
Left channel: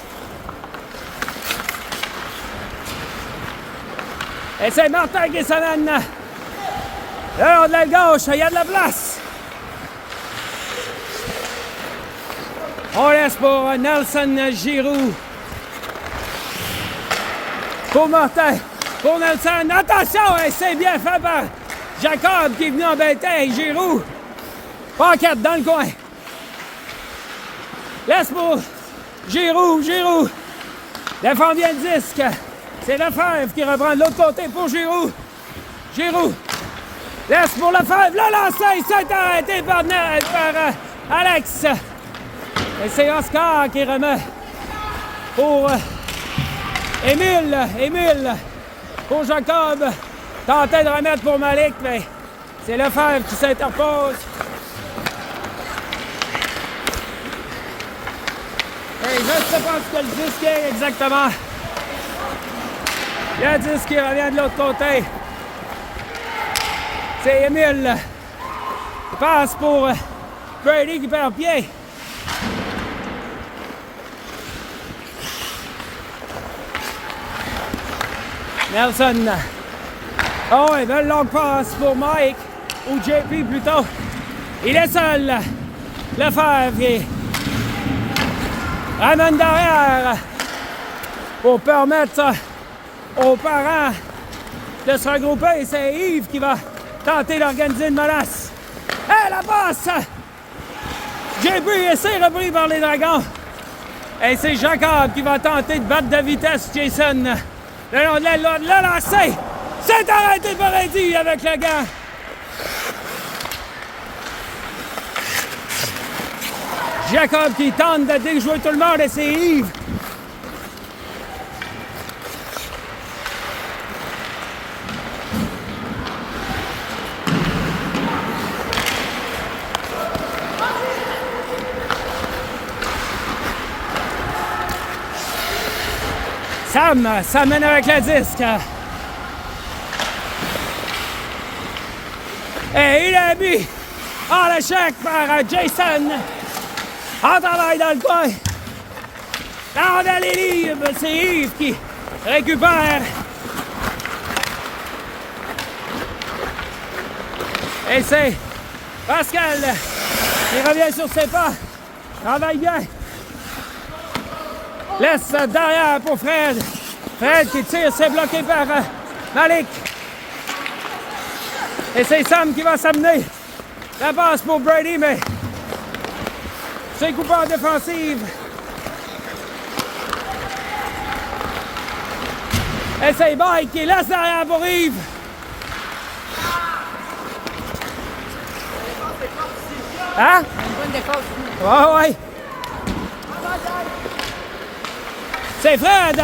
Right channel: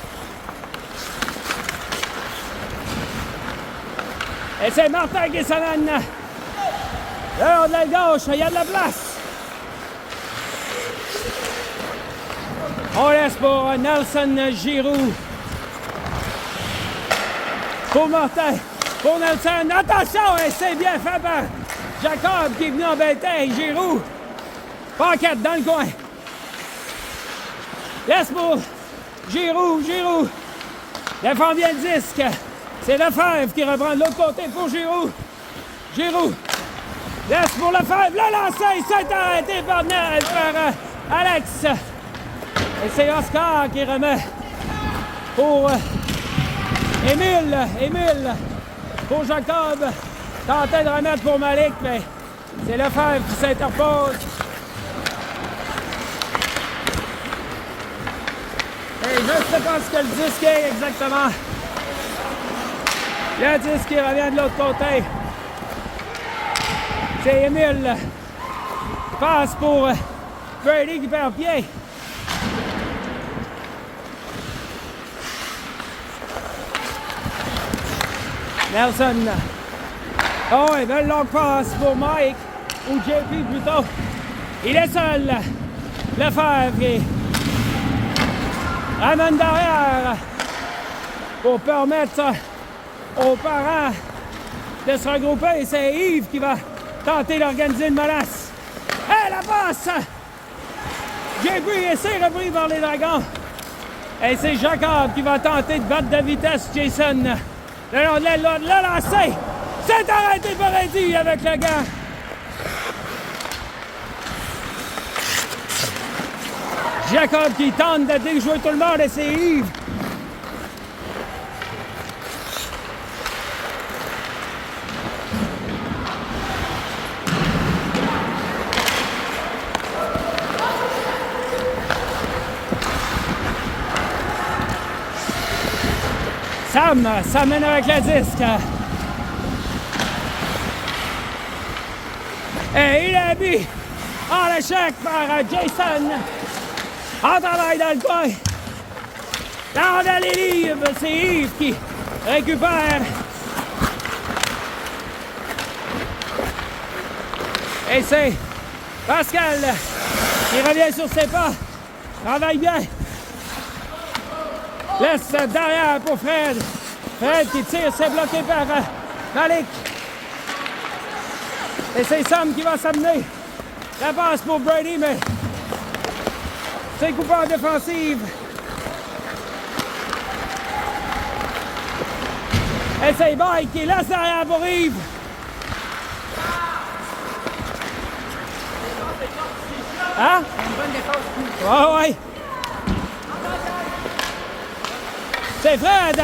Et c'est Martin qui s'amène. Là, de la gauche, il y a de la place. On laisse pour Nelson Giroux. Pour Martin. Pour Nelson. Attention, c'est bien fait par Jacob qui est venu embêter Giroux. Paquette dans le coin. Laisse pour Giroux. Défend bien le disque. C'est Lefebvre qui reprend de l'autre côté pour Giroux. Laisse pour Lefebvre. Le lancer, c'est arrêté par Alex. Et c'est Oscar qui remet pour Émile. Pour Jacob. Tentait de remettre pour Malik, mais c'est Lefebvre qui s'interpose. Et je ne sais pas ce que le disque est exactement. Le disque qui revient de l'autre côté. C'est Émile. Passe pour Brady qui perd pied. Nelson. Oh, une belle longue passe pour Mike. Ou JP plutôt. Il est seul. Lefebvre qui ramène derrière pour permettre aux parents de se regrouper. C'est Yves qui va tenter d'organiser une menace. Hé, la passe! JP est repris par les Dragons. Et c'est Jacob qui va tenter de battre de vitesse Jason le long de l'aile, l'a lancé. C'est arrêté par Eddie avec le gant. Jacob qui tente de déjouer tout le monde et c'est Yves. Sam s'amène avec le disque. Et il a mis en échec par Jason. En travail dans le coin. Là, on a les livres. C'est Yves qui récupère. Et c'est Pascal qui revient sur ses pas. Travaille bien. Laisse derrière pour Fred. Fred qui tire, c'est bloqué par Malik. Et c'est Sam qui va s'amener. Ça passe pour Brady, mais c'est coupeur défensive. Et c'est Mike qui laisse derrière pour Yves. Hein? Une bonne défense. Ah ouais. C'est Fred.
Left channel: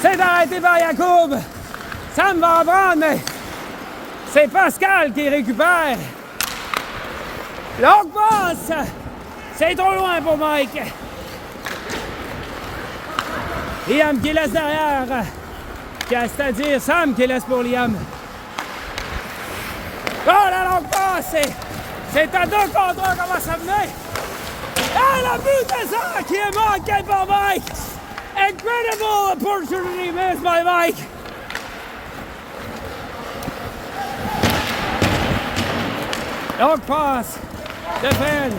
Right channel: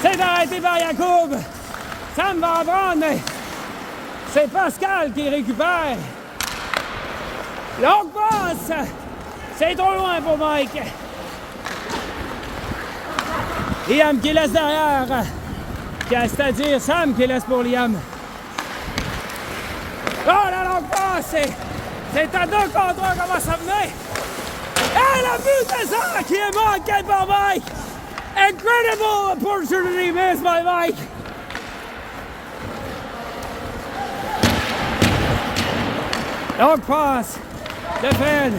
C'est arrêté par Yacoub. Sam va en prendre, mais c'est Pascal qui récupère. Longue passe. C'est trop loin pour Mike. Liam qui laisse derrière. C'est-à-dire Sam qui laisse pour Liam. Oh, la longue passe. C'est à 2 contre 1 qu'on va s'amener. Et le but de ça qui est manqué par Mike. Incredible opportunity missed by Mike. Longue passe de Fred.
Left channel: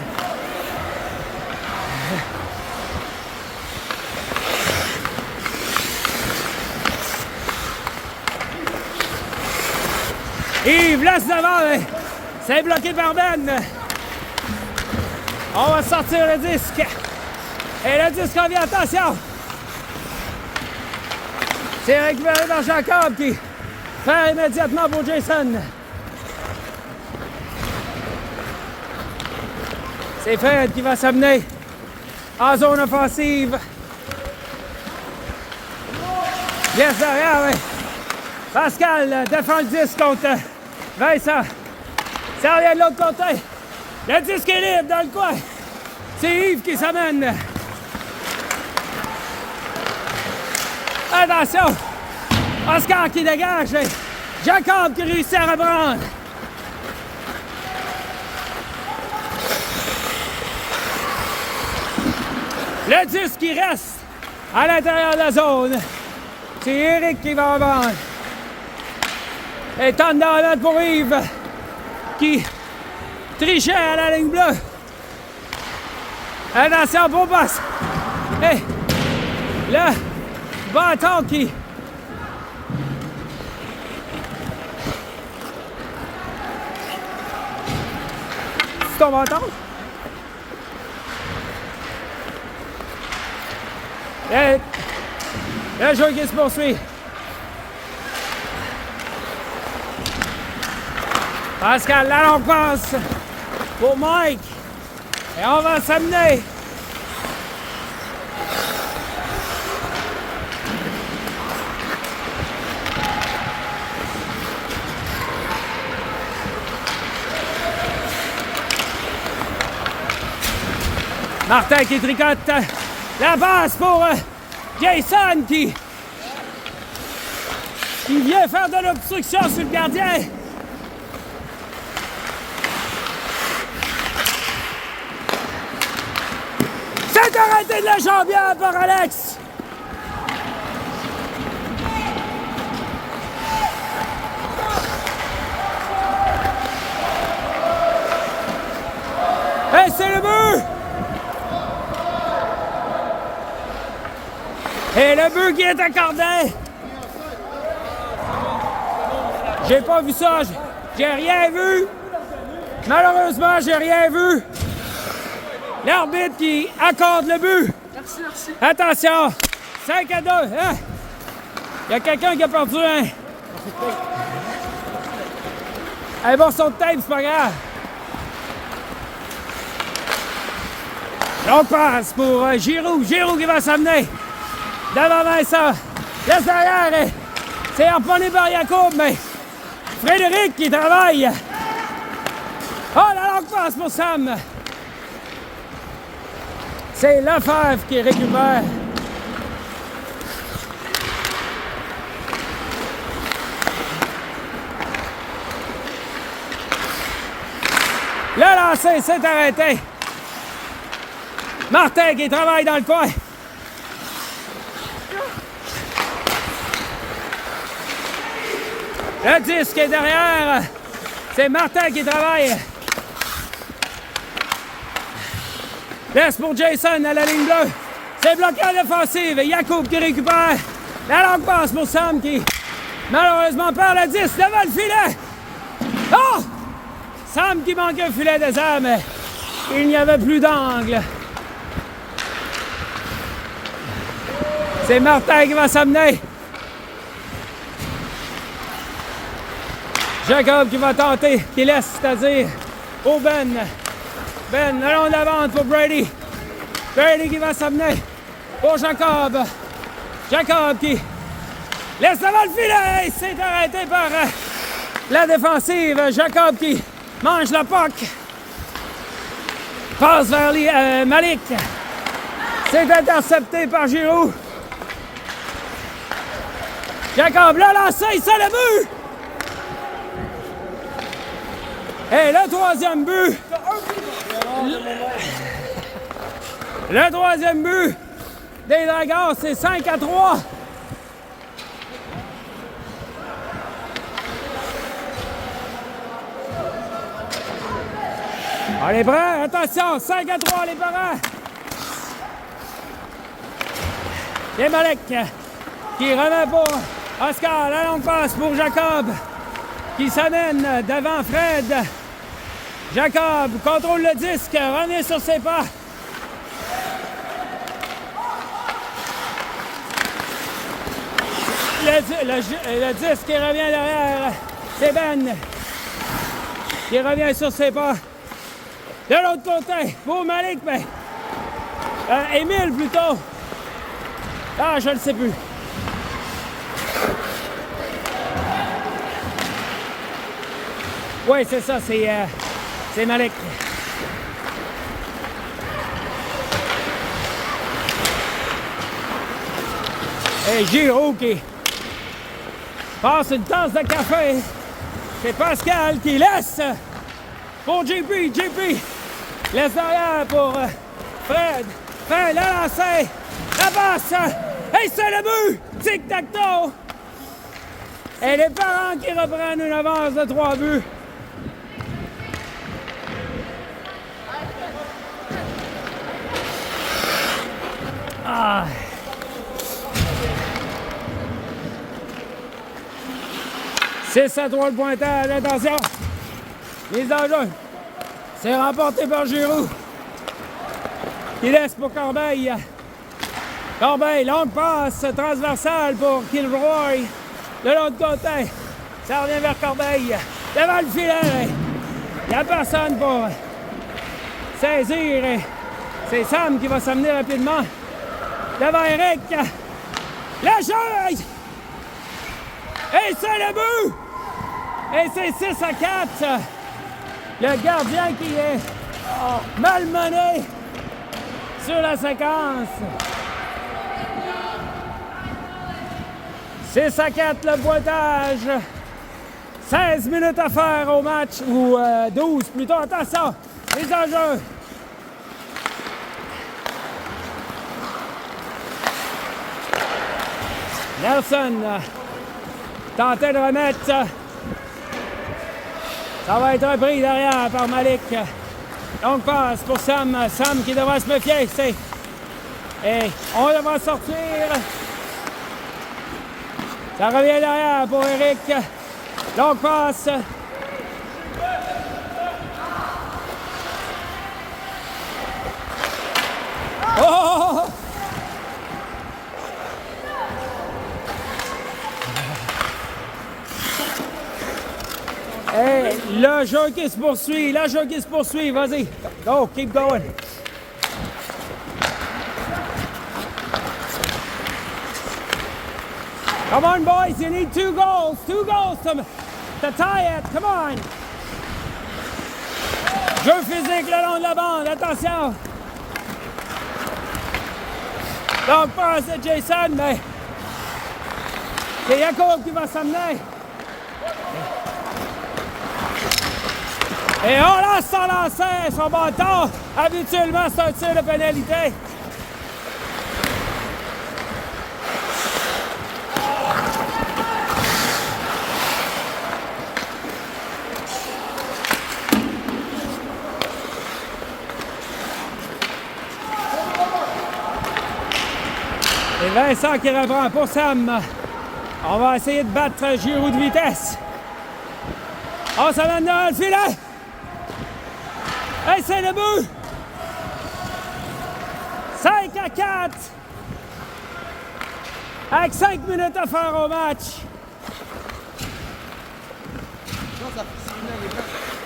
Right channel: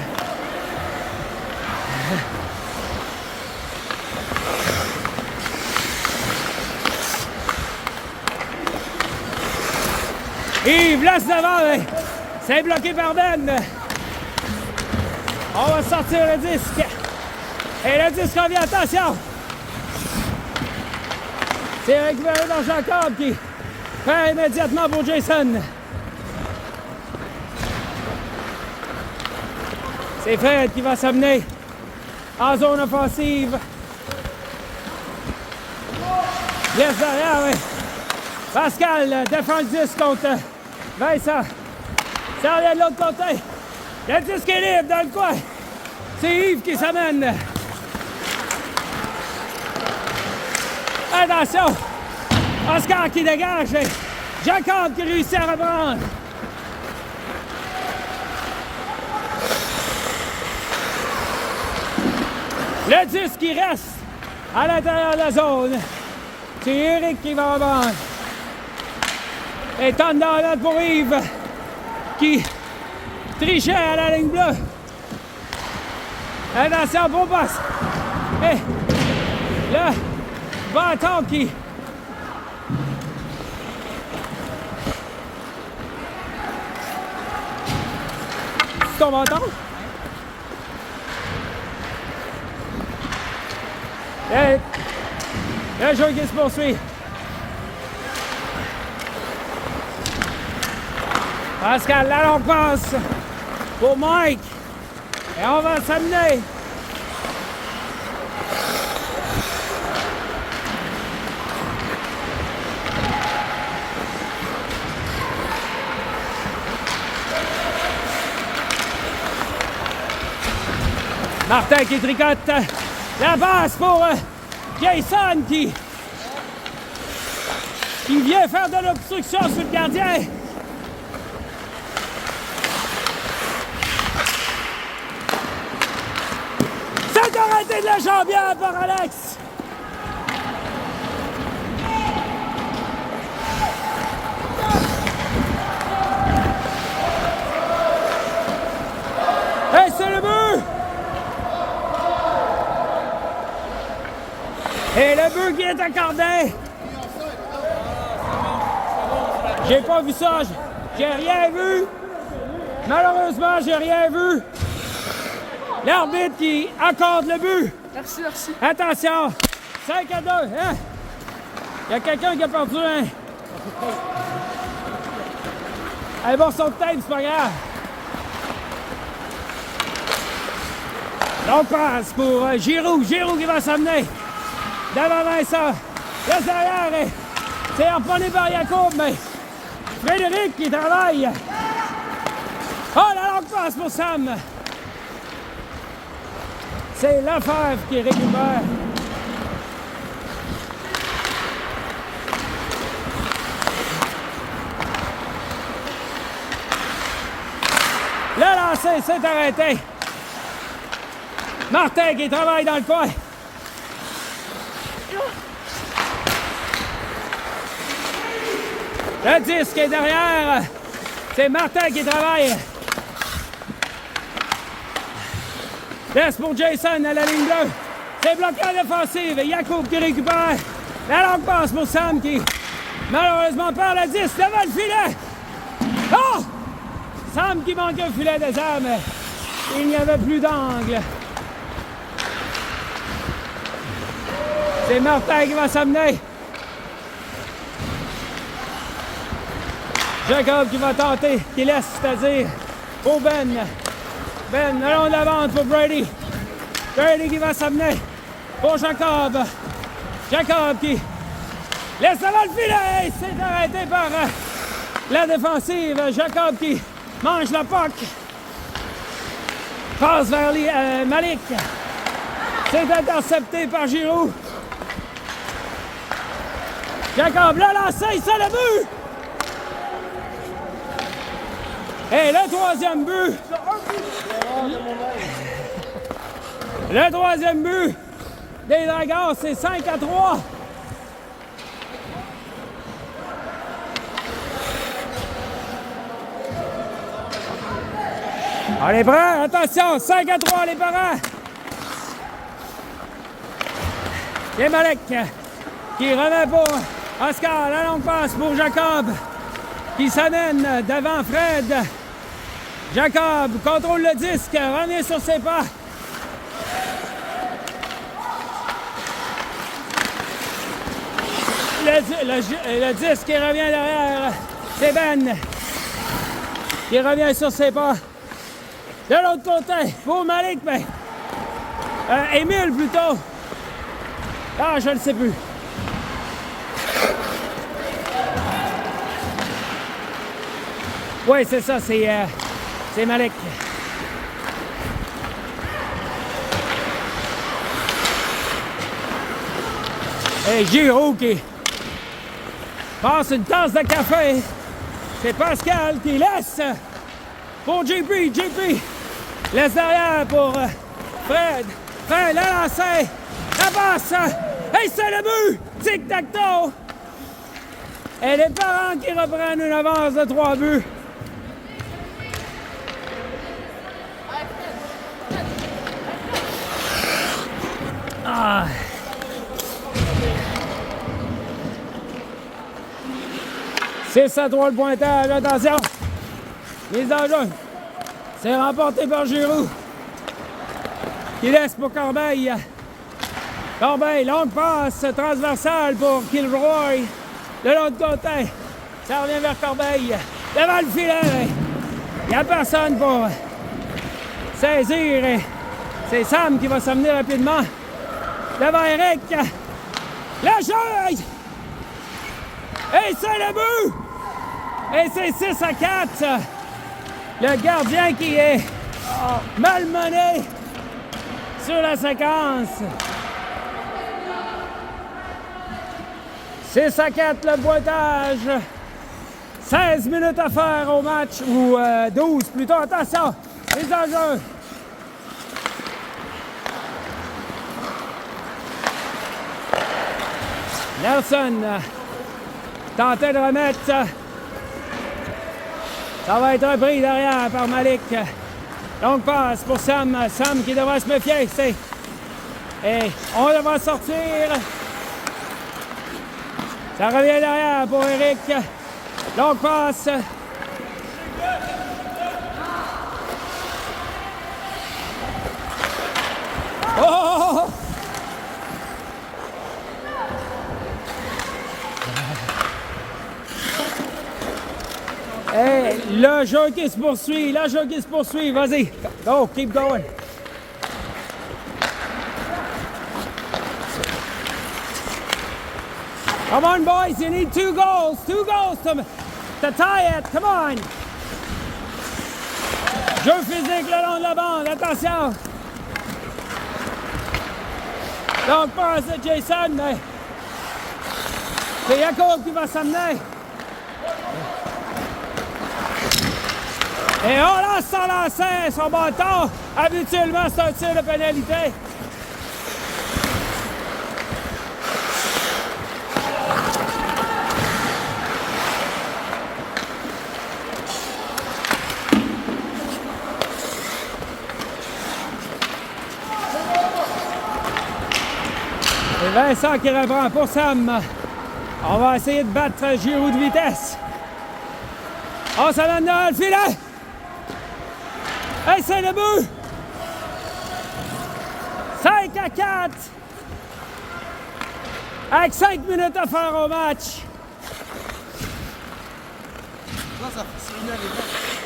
Yves laisse devant. C'est bloqué par Ben. On va sortir le disque. Et le disque revient, attention. C'est récupéré dans Jacob qui fait immédiatement pour Jason. C'est Fred qui va s'amener en zone offensive. Laisse derrière, oui. Pascal défend le disque contre Vincent. Ça revient de l'autre côté. Le disque est libre dans le coin. C'est Yves qui s'amène. Attention. Oscar qui dégage. Jacob qui réussit à reprendre. Le disque qui reste à l'intérieur de la zone. C'est Eric qui va reprendre. Et tente d'en mettre pour Yves qui trichait à la ligne bleue. Attention, beau passe. Et le bâton qui... C'est ton bâton? Et le jeu qui se poursuit. Pascal, là on passe pour Mike. Et on va s'amener. Martin qui tricote la passe pour Jason qui vient faire de l'obstruction sur le gardien. C'est arrêté de la jambière par Alex. Et c'est le but. Et le but qui est accordé. J'ai pas vu ça. J'ai rien vu. Malheureusement, j'ai rien vu. L'arbitre qui accorde le but. Merci, merci. Attention. 5-2. Hein? Il y a quelqu'un qui a perdu un morceau de tape, c'est pas grave. On passe pour Giroux. Giroux qui va s'amener. Devant Vincent. Laisse derrière. C'est harponné par Jacob, mais Frédéric qui travaille. Oh, la longue passe pour Sam. C'est Lefebvre qui récupère. Le lancer s'est arrêté. Martin qui travaille dans le coin. Le disque est derrière. C'est Martin qui travaille. Laisse pour Jason à la ligne bleue. C'est bloqué à l'offensive. Jacob qui récupère. La longue passe pour Sam qui malheureusement perd le 10 devant le filet. Oh! Sam qui manque un filet désert, mais il n'y avait plus d'angle. C'est Martin qui va s'amener. Jacob qui va tenter, qui laisse, c'est-à-dire au Ben. Ben, le long de la vente pour Brady. Brady qui va s'amener pour Jacob. Jacob qui laisse devant le filet. C'est arrêté par la défensive. Jacob qui mange la puck. Passe vers Malik. C'est intercepté par Giroux. Jacob l'a lancé, c'est le but! Et le troisième but! Le troisième but des Dragons, c'est 5-3. On est prêts? Attention, 5-3 les parents! Et Malek qui remet pour Oscar, la longue passe pour Jacob qui s'amène devant Fred. Jacob contrôle le disque, revient sur ses pas. Le disque qui revient derrière, c'est Ben qui revient sur ses pas. De l'autre côté, pour Malik, mais Émile plutôt. Ah, je ne sais plus. Oui, c'est ça, c'est Malik. Et Giroux qui passe une tasse de café. C'est Pascal qui laisse pour JP. JP laisse derrière pour Fred. Fred l'a lancé. La passe. Et c'est le but. Tic-tac-toe. Et les parents qui reprennent une avance de 3 buts. Ah. C'est 6-3 le pointage. Attention. Mise en jeu. C'est remporté par Giroux. Qui laisse pour Corbeil. Corbeil, longue passe transversale pour Kilroy. De l'autre côté, ça revient vers Corbeil. Devant le filet. Il n'y a personne pour saisir. C'est Sam qui va s'amener rapidement. Devant Eric. Le jeu! Et c'est le but! Et c'est 6-4. Le gardien qui est malmené sur la séquence. 6-4 le pointage. 16 minutes à faire au match, ou 12 plutôt. Attention, mise en jeu. Nelson tentait de remettre. Ça va être repris derrière par Malik. Donc passe pour Sam. Sam qui devra se méfier. Et on devra sortir. Ça revient derrière pour Eric. Donc passe. Oh! Hey, le jeu qui se poursuit, vas-y. Go, keep going. Come on, boys, you need 2 goals to tie it, come on. Jeu physique le long de la bande, attention. Donc, passe à Jason, mais c'est Jacob qui va s'amener. Et on lance son lancer, son bâton. Habituellement, c'est un tir de pénalité. Et Vincent qui reprend pour Sam. On va essayer de battre Giroud de vitesse. On s'amène dans le filet. Hey, c'est le but! 5-4! Avec 5 minutes à faire au match.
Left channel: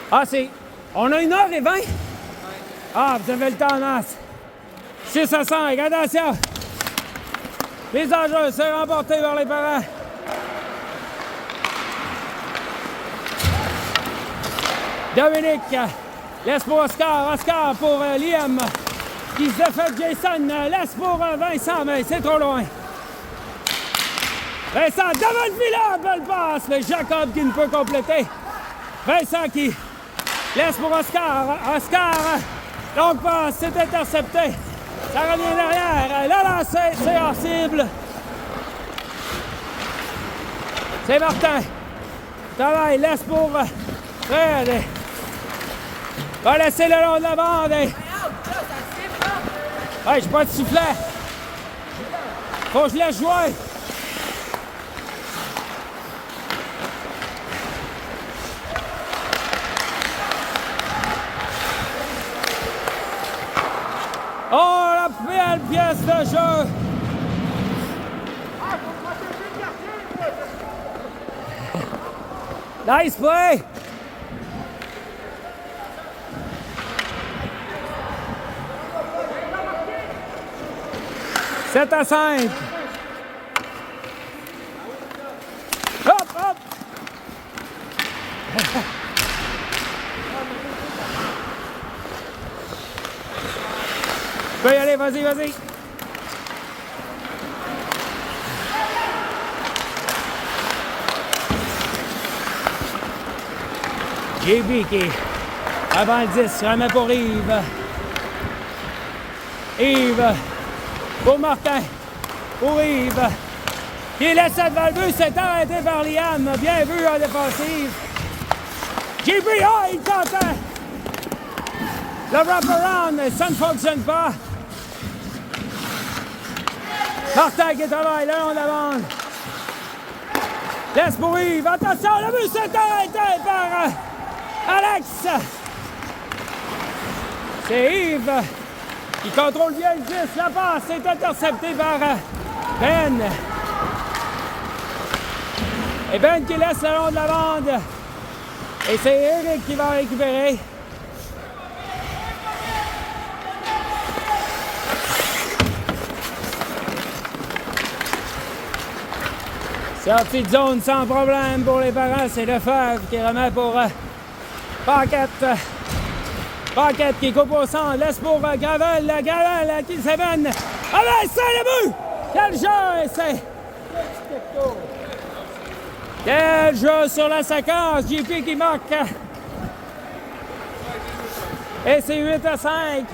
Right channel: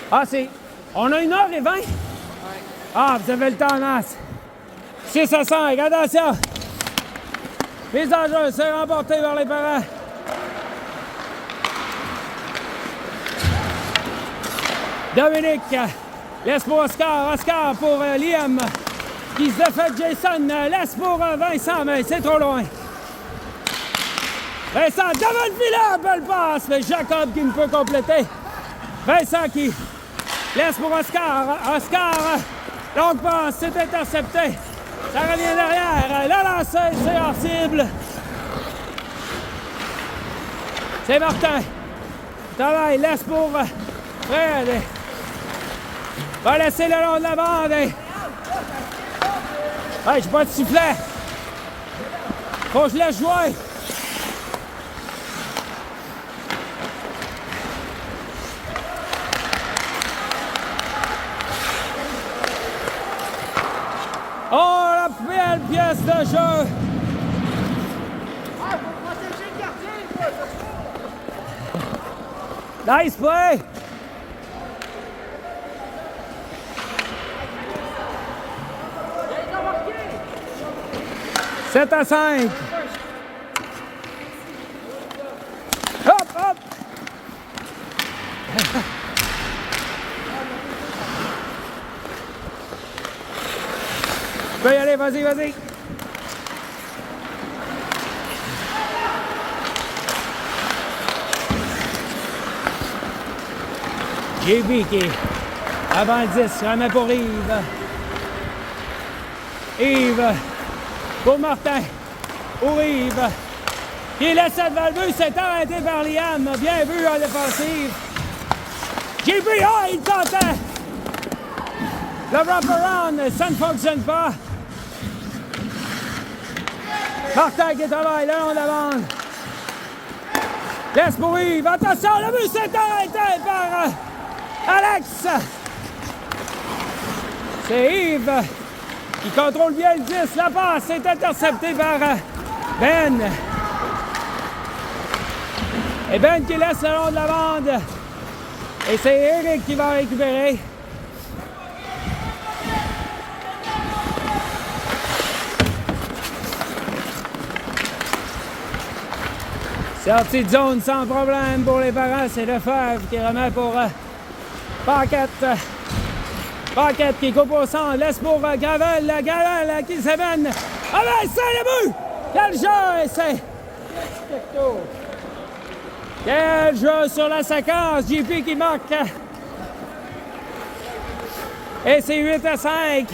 Ah, c'est... On a 1h20? Ah, vous avez le temps en masse. 6-5, attention! Mise en jeu, c'est remporté par les parents. Dominique, laisse pour Oscar. Oscar pour Liam. Qui se défait Jason. Laisse pour Vincent, mais c'est trop loin. Vincent devant le filet. Belle passe. Mais Jacob qui ne peut compléter. Vincent qui laisse pour Oscar. Oscar, longue passe. C'est intercepté. Ça revient derrière. La lancée, c'est hors cible. C'est Martin. Travail, laisse pour Fred. Va laisser le long de la bande. Hey, j'ai pas de soufflet. Faut que je laisse jouer. Oh, la belle pièce de jeu. Nice play. C'est à 5. Hop, hop. Tu peux y aller, vas-y, vas-y. JB qui, avant le 10, remet pour Yves. Yves. Pour Martin, pour Yves, qui laisse devant le but, c'est arrêté par Liam. Bien vu en défensive. JB, oh, il tentait. Le wrap-around, ça ne fonctionne pas. Martin qui travaille le long de la bande. Laisse pour Yves. Attention, le but s'est arrêté par Alex. C'est Yves. Il contrôle bien le 10, la passe est interceptée par Ben. Et Ben qui laisse le long de la bande. Et c'est Eric qui va récupérer. Sortie de zone sans problème pour les parents, c'est Lefebvre qui remet pour Paquette. Paquette qui coupe au centre, laisse pour Gravel. Gravel qui s'évène. Ah ben, c'est le but! Quel jeu! C'est... Quel jeu sur la séquence! JP qui marque. Et c'est 8-5.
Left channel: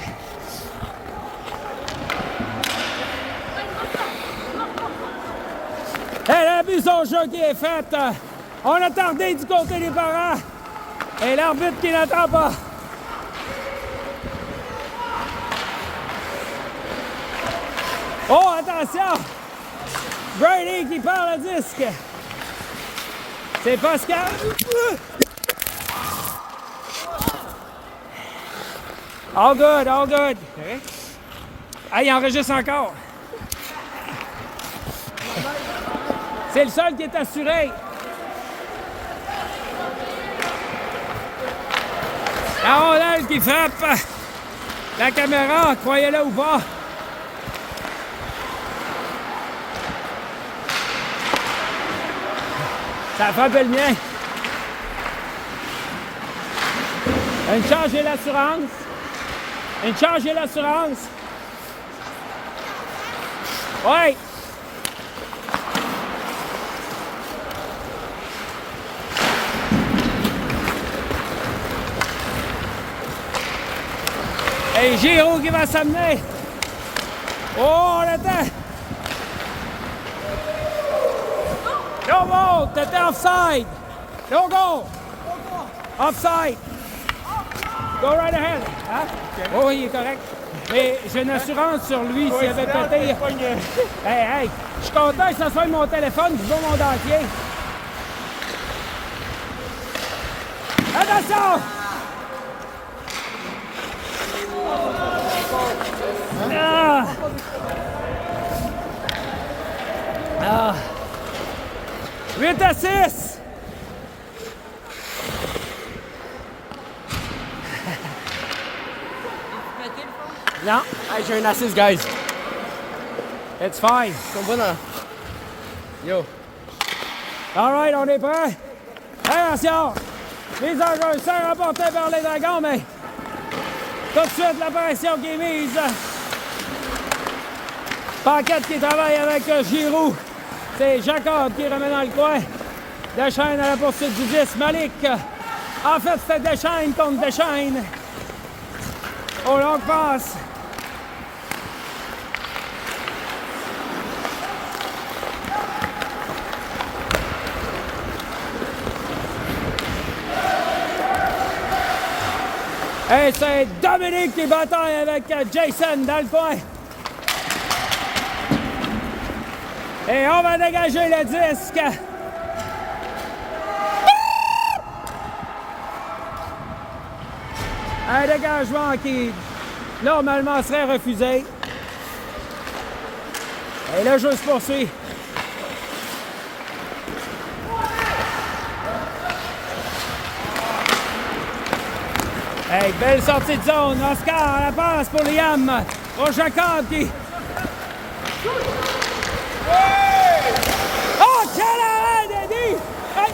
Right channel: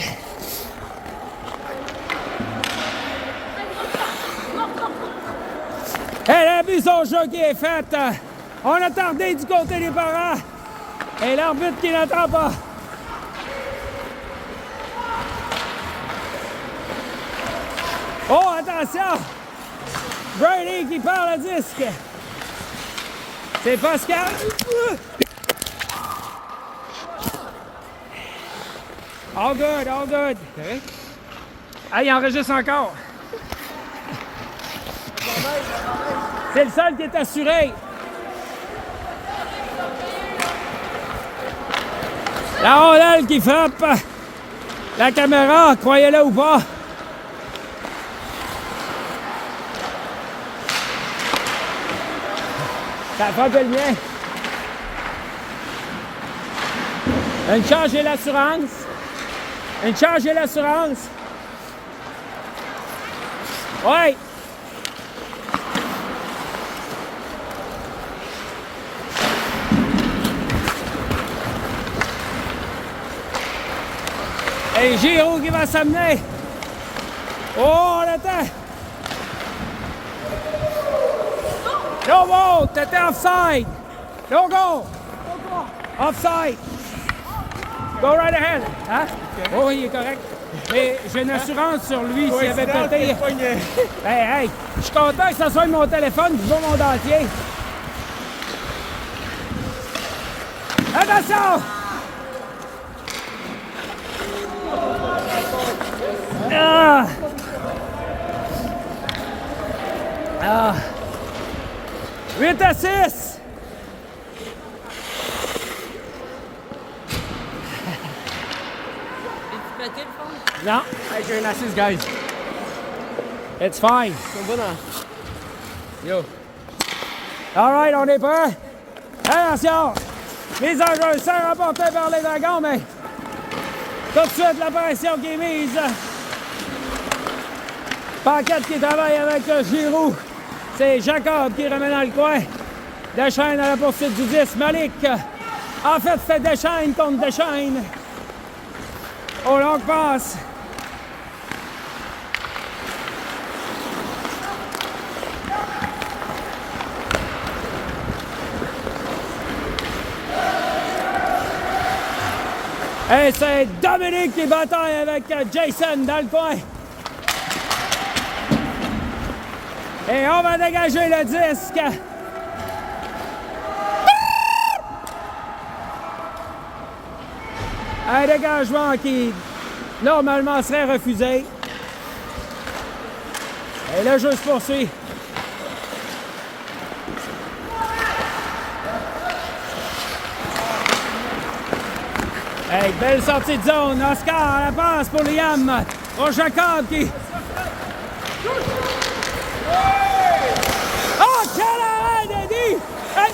Et la vue son jeu qui est fait. On a tardé du côté des parents. Et l'arbitre qui n'attend pas. Oh, attention! Brady qui perd le disque. C'est Pascal. All good, all good. Ah, il enregistre encore. C'est le seul qui est assuré. La rondelle qui frappe la caméra, croyez-le ou pas. Ça a frappé le mien. Une charge et l'assurance. Une charge et l'assurance. Oui. Et Giro qui va s'amener. Oh, on attend. No go, t'étais offside. No go. Offside. Go right ahead. Hein? Oh, il est correct. Mais j'ai une assurance sur lui s'il avait pété. Hey, je suis content que ça soit mon téléphone, je vois mon dentier. Attention! Ah! Ah! 8 à 6! Non. Hey, j'ai une assise, guys. It's fine. C'est bon, hein? Yo. All right, on est prêt? Attention! Mise en jeu, sans remporté par les Dragons, mais tout de suite la pression qui est mise. Paquette qui travaille avec Giroux. C'est Jacob qui remet dans le coin. Deschaine à la poursuite du 10. Malik. En fait, c'était Deschaine contre Deschaine. Au long passe. Et c'est Dominique qui bataille avec Jason dans le coin. Et on va dégager le disque. Un dégagement qui, normalement, serait refusé. Et le jeu se poursuit. Hey, belle sortie de zone. Oscar, la passe pour Liam. Pour Jacob qui... Oh, quel arrêt, Daddy! Hey!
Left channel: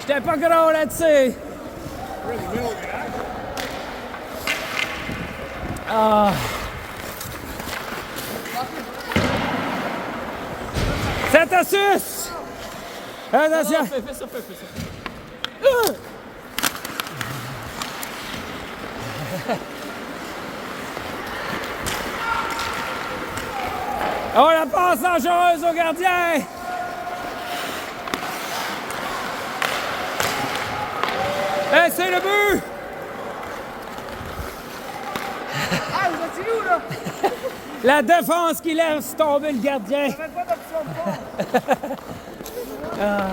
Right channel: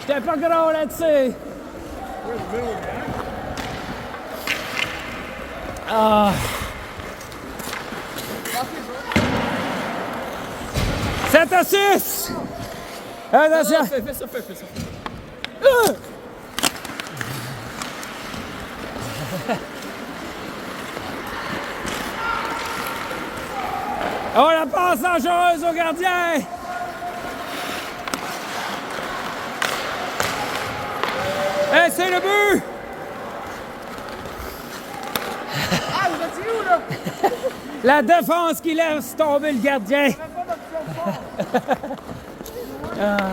J'étais pas gros là-dessus. Ah. 7 à 6! Attention! Fais ça. Oh, la passe dangereuse au gardien! Et c'est le but! Ah, vous êtes où, là? La défense qui laisse tomber le gardien. Ah.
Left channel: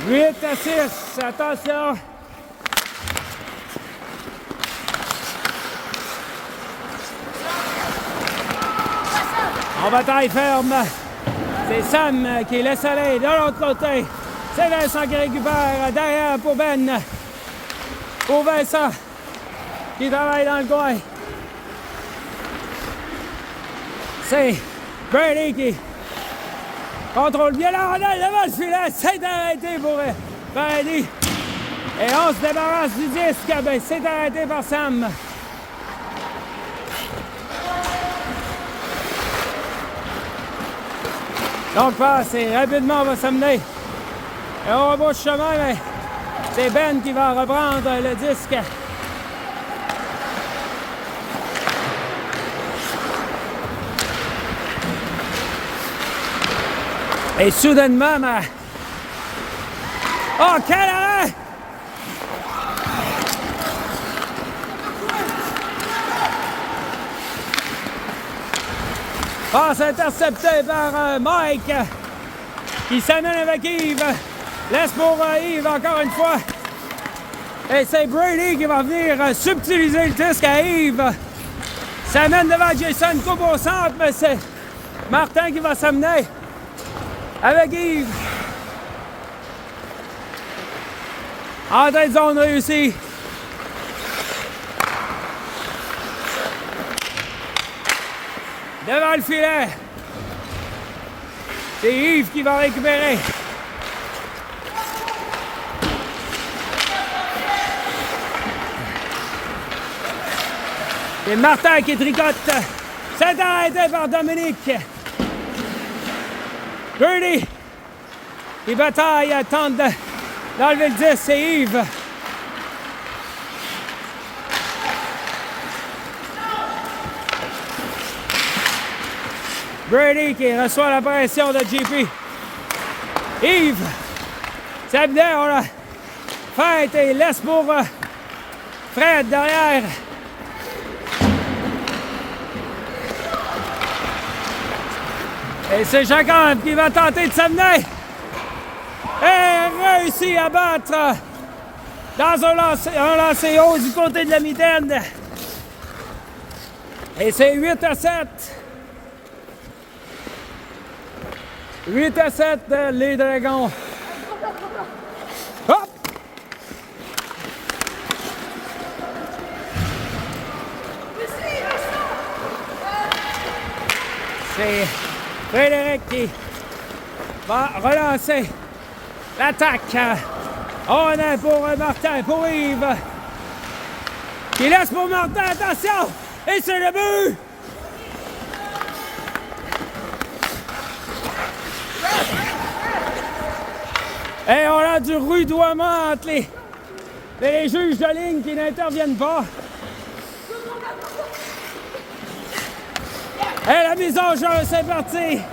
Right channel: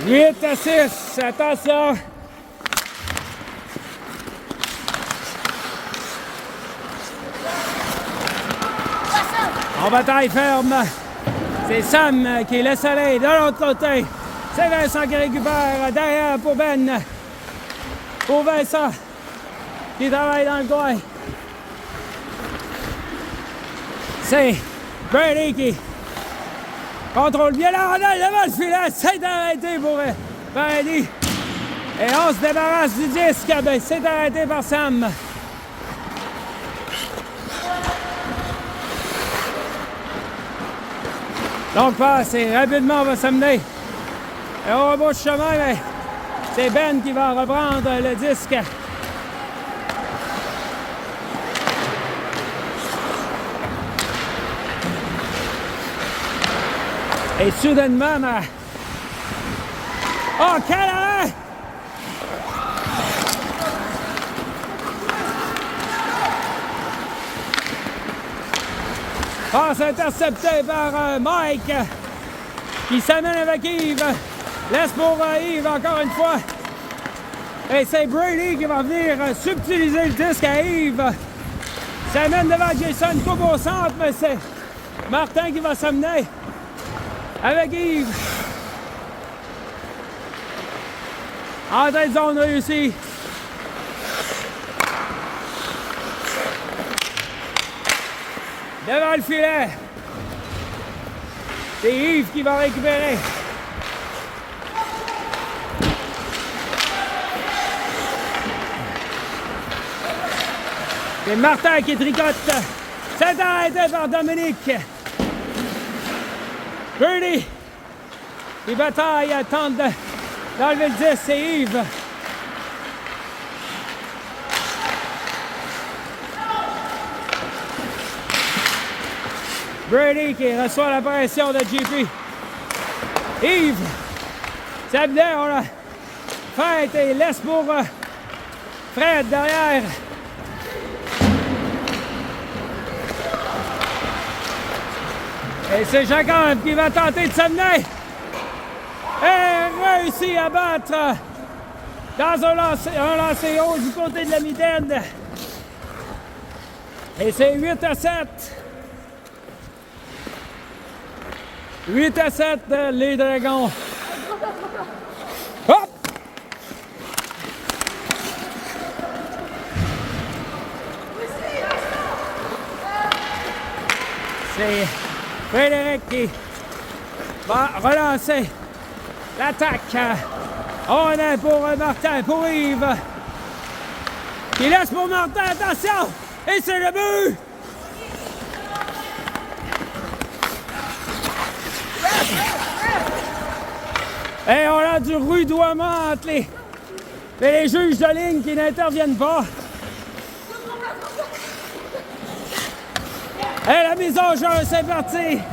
« 8 à 6, attention! En bataille ferme, c'est Sam qui laisse aller de l'autre côté. C'est Vincent qui récupère derrière pour Ben. Pour Vincent qui travaille dans le coin. C'est Brady qui contrôle bien la rondelle devant le filet. C'est arrêté pour Brady. Et on se débarrasse du disque. Ben, c'est arrêté par Sam. Donc, c'est rapidement, on va s'amener. Et on rebouche chemin, mais c'est Ben qui va reprendre le disque. Et soudainement, oh, quel arrêt! Passe interceptée par Mike, qui s'amène avec Yves. Laisse pour Yves encore une fois. Et c'est Brady qui va venir subtiliser le disque à Yves. Ça mène devant Jason, coupe au centre, mais c'est Martin qui va s'amener avec Yves. Entrée de zone réussie. Devant le filet. C'est Yves qui va récupérer. C'est Martin qui tricote. C'est arrêté par Dominique. Birdie. Il bataille, tente d'enlever le 10, c'est Yves. Birdie qui reçoit la pression de JP. Yves. Sabner, on l'a fait et laisse pour Fred derrière. Et c'est Jacob qui va tenter de s'amener. Et réussit à battre dans un lancer haut du côté de la mitaine. Et c'est 8-7. 8-7, les Dragons. Hop! C'est Frédéric qui va relancer l'attaque. On est pour Martin, pour Yves. Il laisse pour Martin, attention! Et c'est le but! Et on a du rudoiement entre les juges de ligne qui n'interviennent pas. Et la mise en jeu, c'est parti!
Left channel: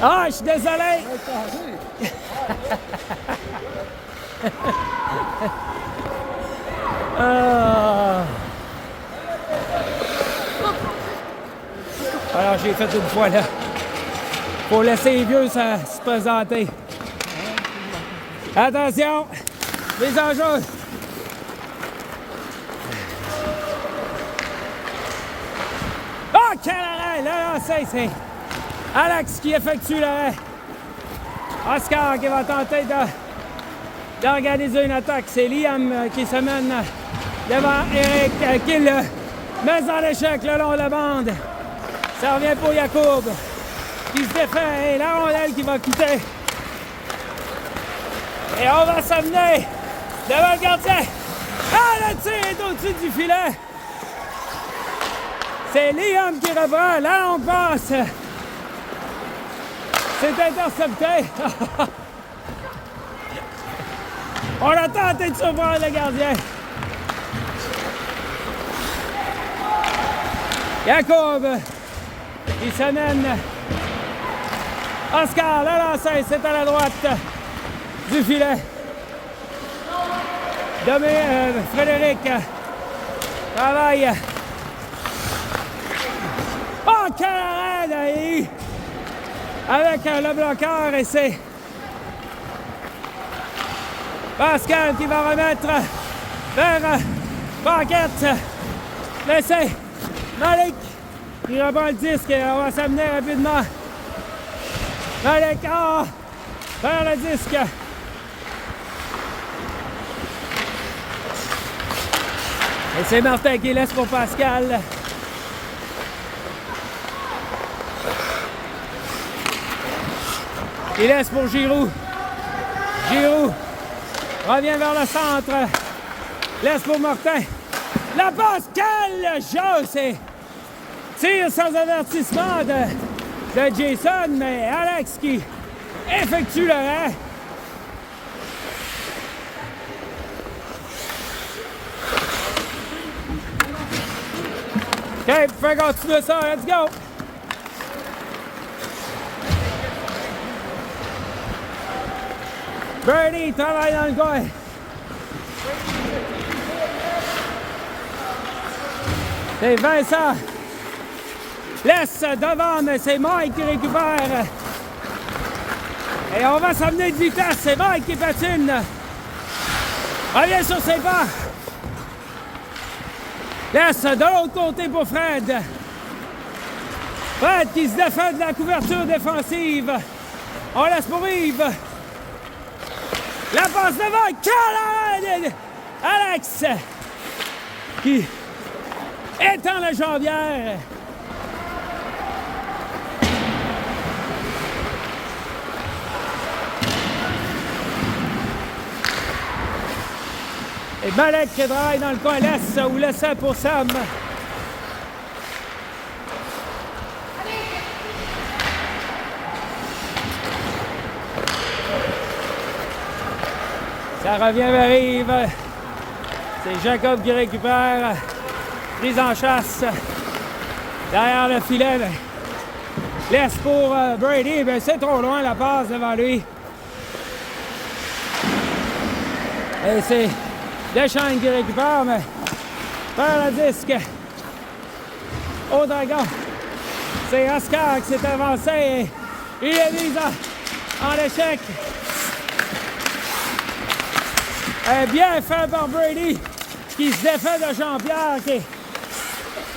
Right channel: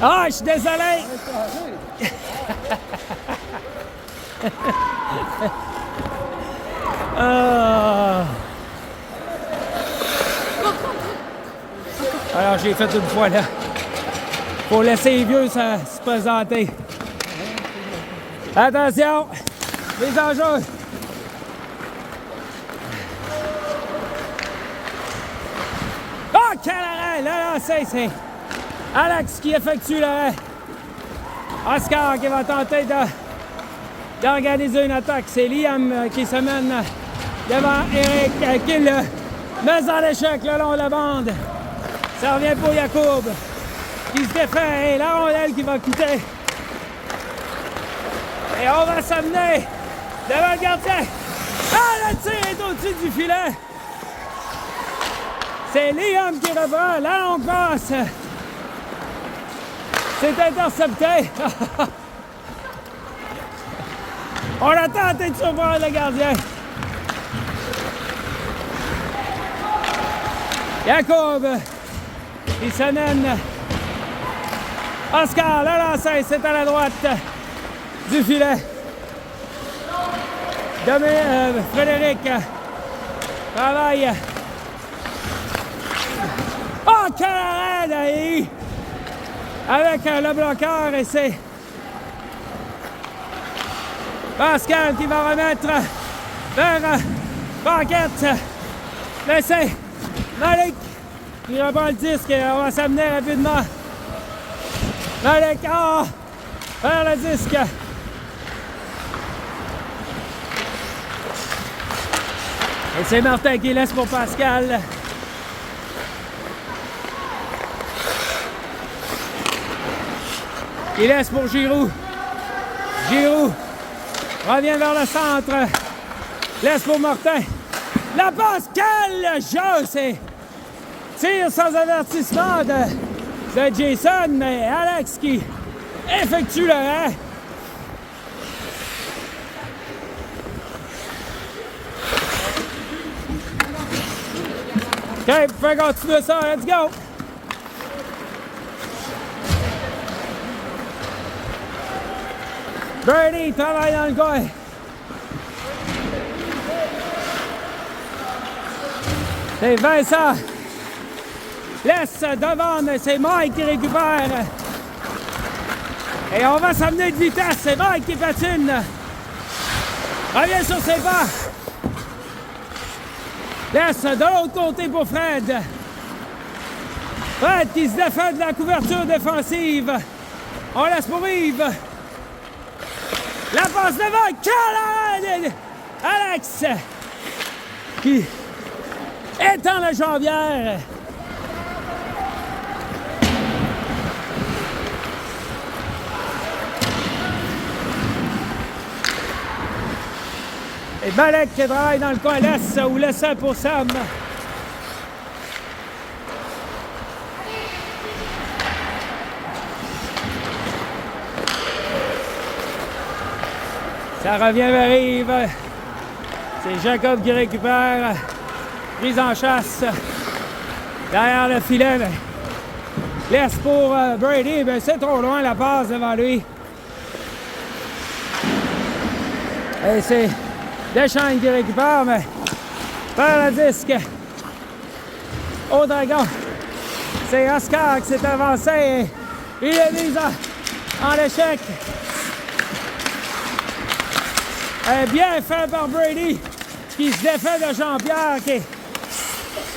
Ah, je suis désolé! Alors, j'ai fait une fois là. Pour laisser les vieux se présenter. Attention! Les enjeux! Oh, quel arrêt! Là, c'est Alex qui effectue l'arrêt. Oscar qui va tenter d'organiser une attaque. C'est Liam qui se mène devant Eric qui le met en échec le long de la bande. Ça revient pour Yacoub qui se défait et la rondelle qui va quitter. Et on va s'amener devant le gardien. Ah, le tir est au-dessus du filet. C'est Liam qui reprend la longue passe. C'est intercepté. On a tenté de surprendre le gardien. Yacoub, il se mène. Oscar, le lancer, c'est à la droite du filet. Frédéric travaille. Oh, quel arrêt d'ailleurs! Avec le bloqueur et c'est Pascal qui va remettre vers Paquette. Mais c'est Malik qui reprend le disque et on va s'amener rapidement. Malik, vers le disque. Et c'est Martin qui laisse pour Pascal. Il laisse pour Giroux. Giroux revient vers le centre. Laisse pour Martin. La passe, quel jeu! C'est tir sans avertissement de Jason, mais Alex qui effectue l'arrêt. OK, fais continuer ça. Let's go! Birdie travaille dans le coin. C'est Vincent. Laisse devant, mais c'est Mike qui récupère. Et on va s'amener de vitesse. C'est Mike qui patine. Revient sur ses pas. Laisse de l'autre côté pour Fred. Fred qui se défait de la couverture défensive. On laisse pour Yves. La passe devant. Quel Alex qui étend la jambière. Et Malek qui travaille dans le coin l'est ou l'essai pour Sam. Ça revient vers Yves. C'est Jacob qui récupère. Prise en chasse. Derrière le filet. Ben, laisse pour Brady. Ben, c'est trop loin la passe devant lui. Et c'est Deschênes qui récupère, mais perd le disque au Dragon. C'est Oscar qui s'est avancé et il est mis en échec. Et bien fait par Brady qui se défait de Jean-Pierre qui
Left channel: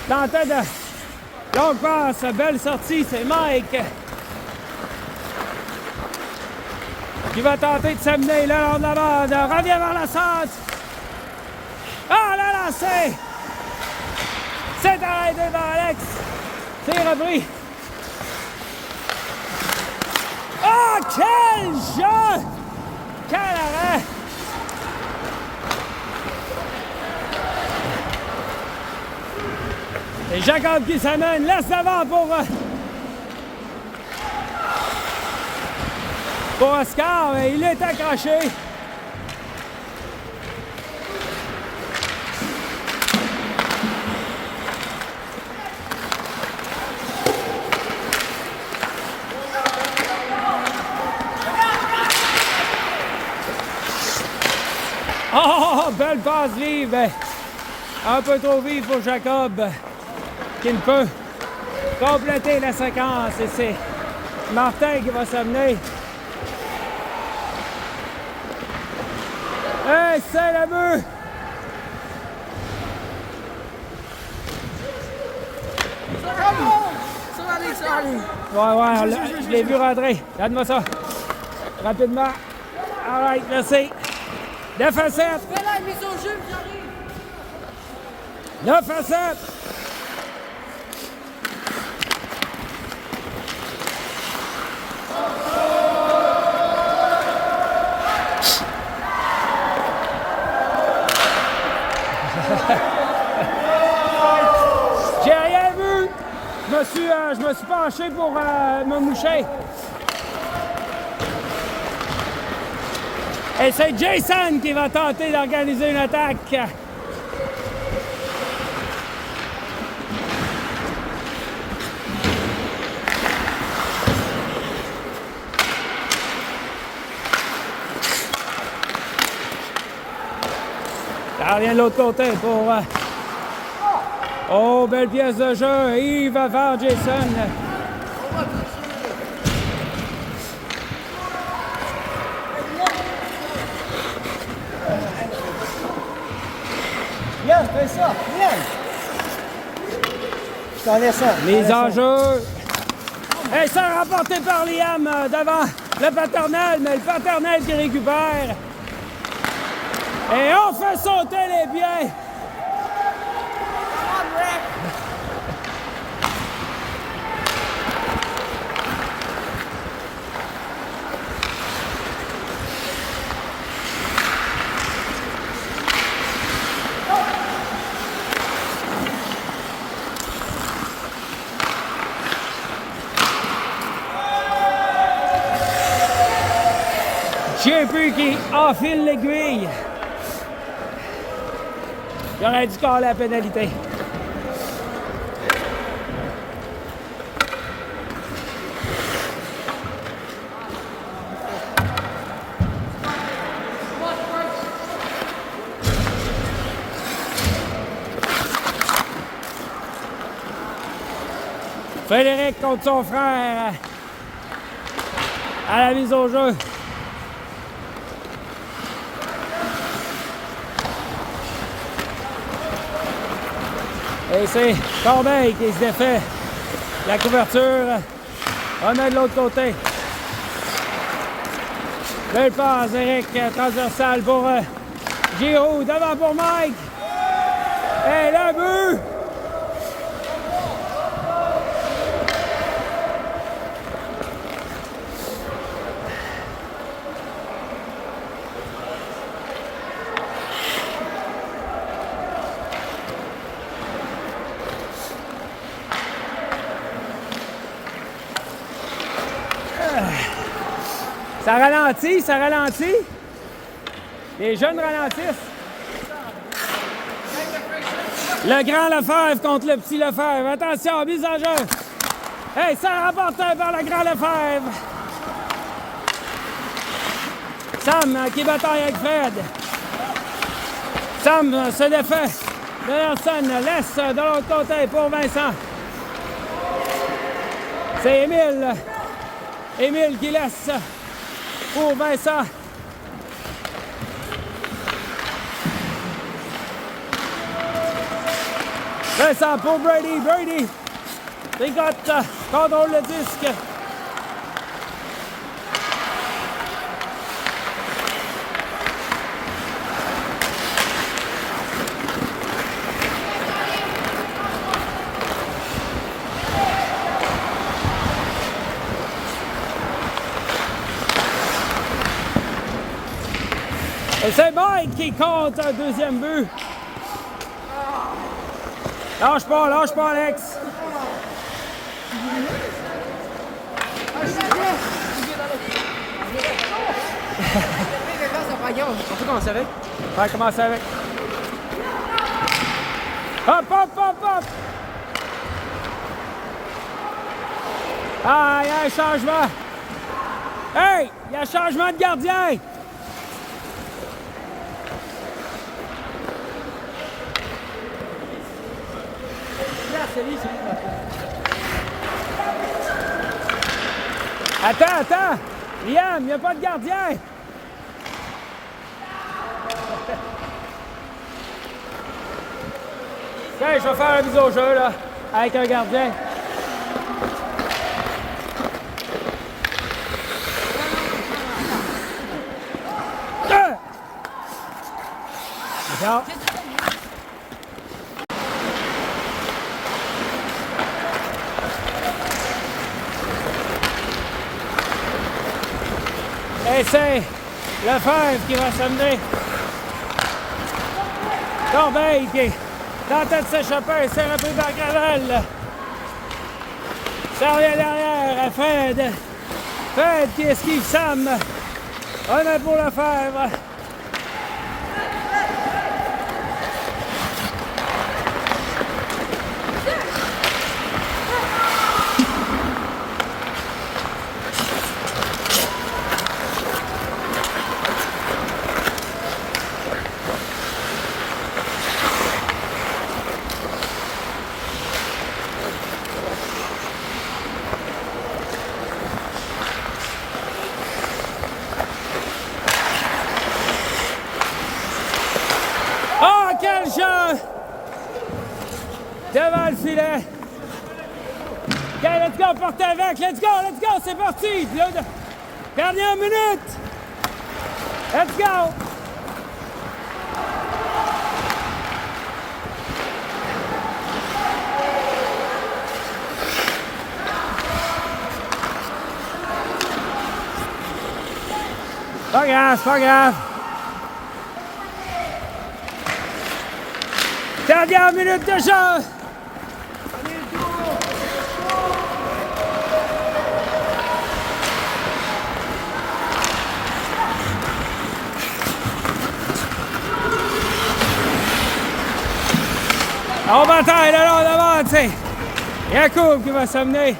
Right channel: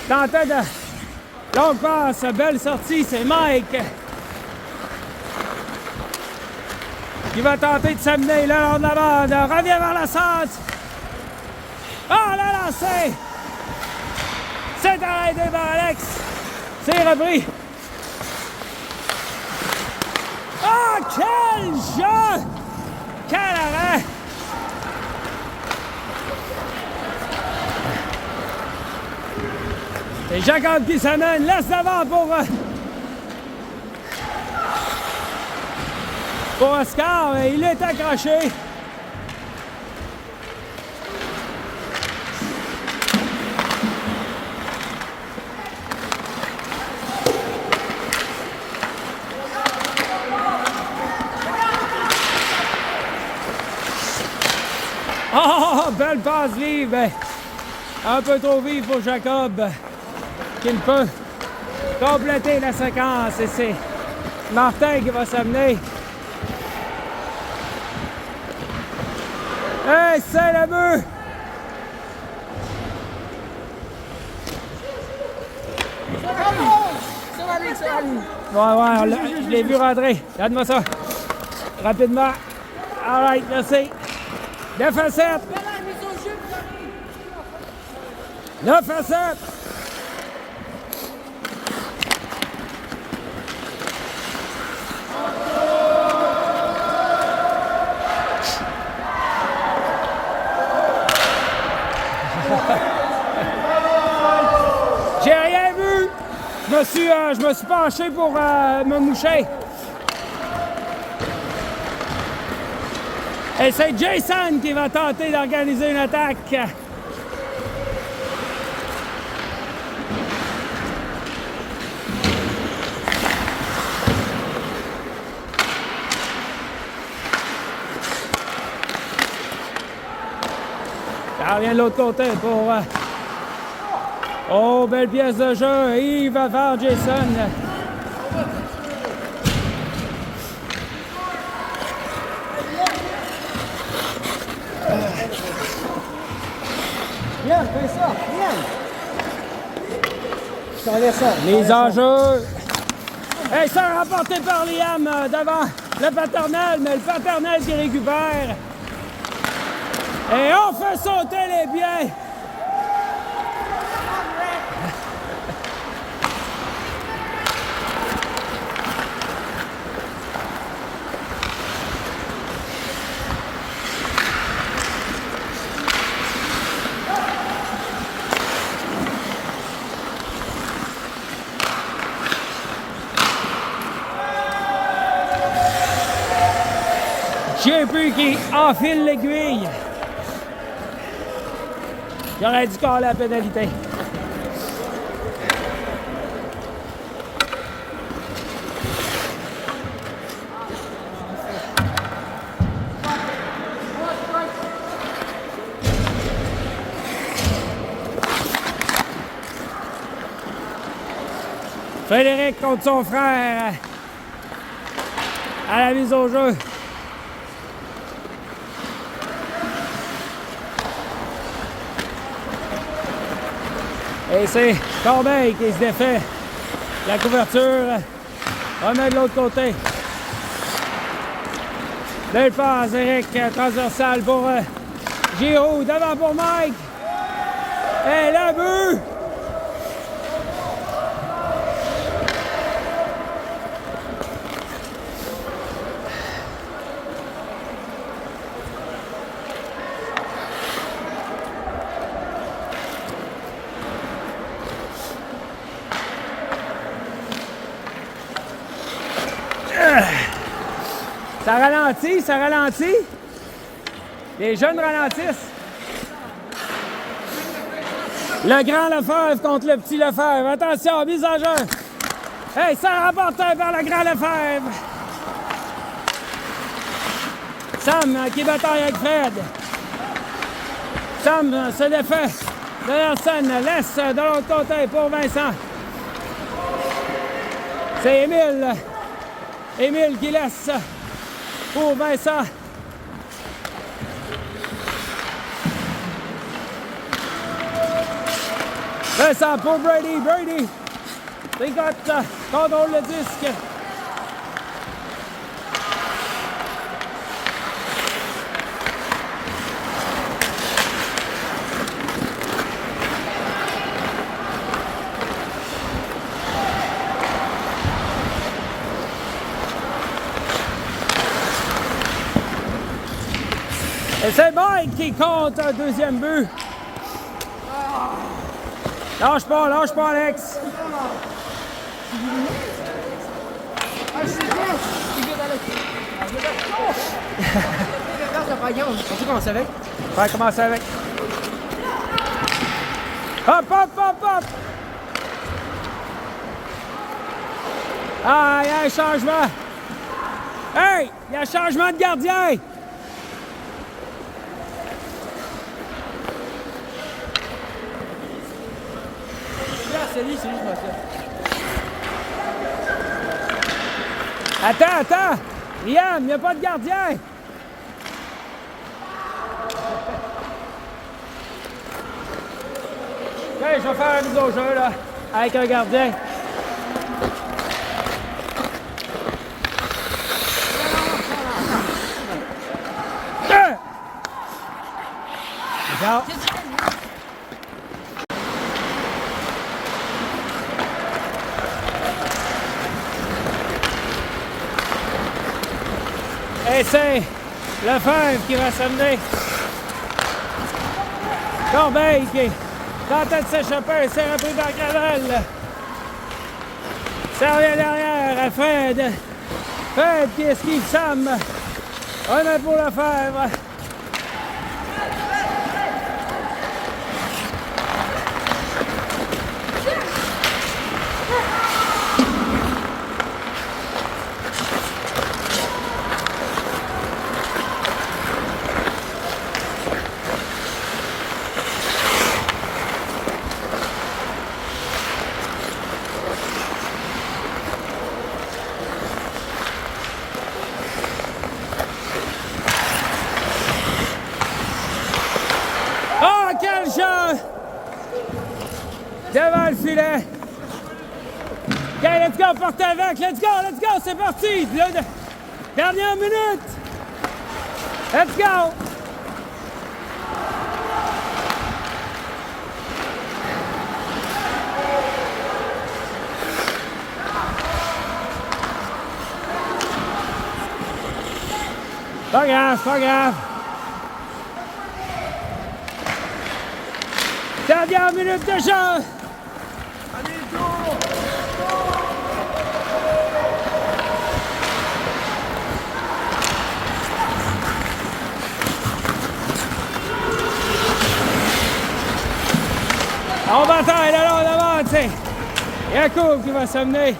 tentait de longue passe, belle sortie, c'est Mike qui va tenter de s'amener le long de la bande, revient vers la centre. Ah, le lancer! C'est arrêté par Alex. C'est repris. Ah, quel jeu! Quel arrêt! C'est Jacob qui s'amène. Laisse devant pour Oscar. Mais il est accroché. Oh, belle passe vive. Un peu trop vive pour Jacob, qui ne peut compléter la séquence. Et c'est Martin qui va s'amener. Hey, c'est le but! Ouais, je l'ai vu rentrer. Regarde-moi ça. Rapidement. All right, merci. 9 à 7. 9 à 7. J'ai rien vu. Je me suis penché pour me moucher. Et c'est Jason qui va tenter d'organiser une attaque. Ça revient de l'autre côté pour... Oh, belle pièce de jeu. Yves va vers Jason. Bien, fais ça, bien. Je t'en laisse ça. Les enjeux. Et ça remporté par Liam devant le paternel, mais le paternel qui récupère. Et on fait sauter les biens. JP qui enfile l'aiguille. J'aurais dû coller la pénalité. Frédéric contre son frère. à la mise au jeu. Et c'est Corbeil qui se défait. La couverture remet de l'autre côté. Belle passe, Eric, transversale pour Giroud. Devant pour Mike. Et le but! Ça ralentit, ça ralentit. Les jeunes ralentissent. Le grand Lefebvre contre le petit Lefebvre. Attention, mise en jeu. Hey, ça remporté par le grand Lefebvre. Sam qui bataille avec Fred. Sam se défait de Nelson. Laisse de l'autre côté pour Vincent. C'est Émile. Émile qui laisse pour Vincent. Vincent pour Brady. Brady tricote, contrôle le disque. Et c'est Mike qui compte un deuxième but. Lâche pas, Alex. On peut commencer avec? Ouais, commencer avec. Hop, hop, hop, hop. Ah, il y a un changement. Hey, il y a un changement de gardien. Attends! Liam, il n'y a pas de gardien! OK, je vais faire un mise au jeu, là, avec un gardien. Ciao. Et c'est Lefebvre qui va s'amener. Corbeil qui tentait de s'échapper, s'est repris par Gravel. Ça revient derrière à Fred. Fred qui esquive Sam. On est pour Lefebvre. Quel jeu! Devant le filet. OK, let's go, portez avec. Let's go, c'est parti. Dernière minute. Let's go. Pas grave. Dernière minute de jeu! On bataille le long devant, tu sais. Yacoub qui va s'amener.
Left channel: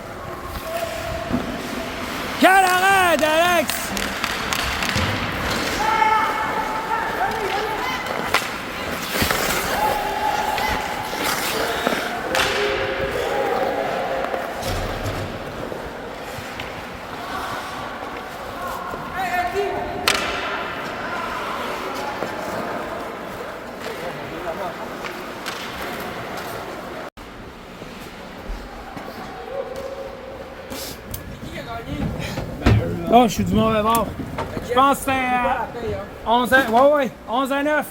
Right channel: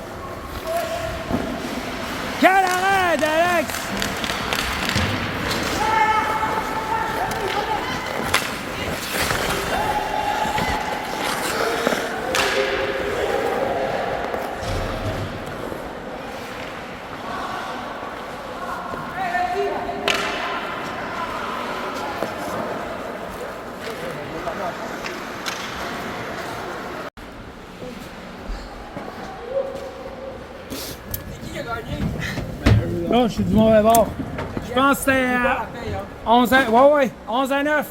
Quel arrêt d'Alex! Oh, je suis du mauvais bord. Je pense que c'était 11 à... Ouais, 11 à 9.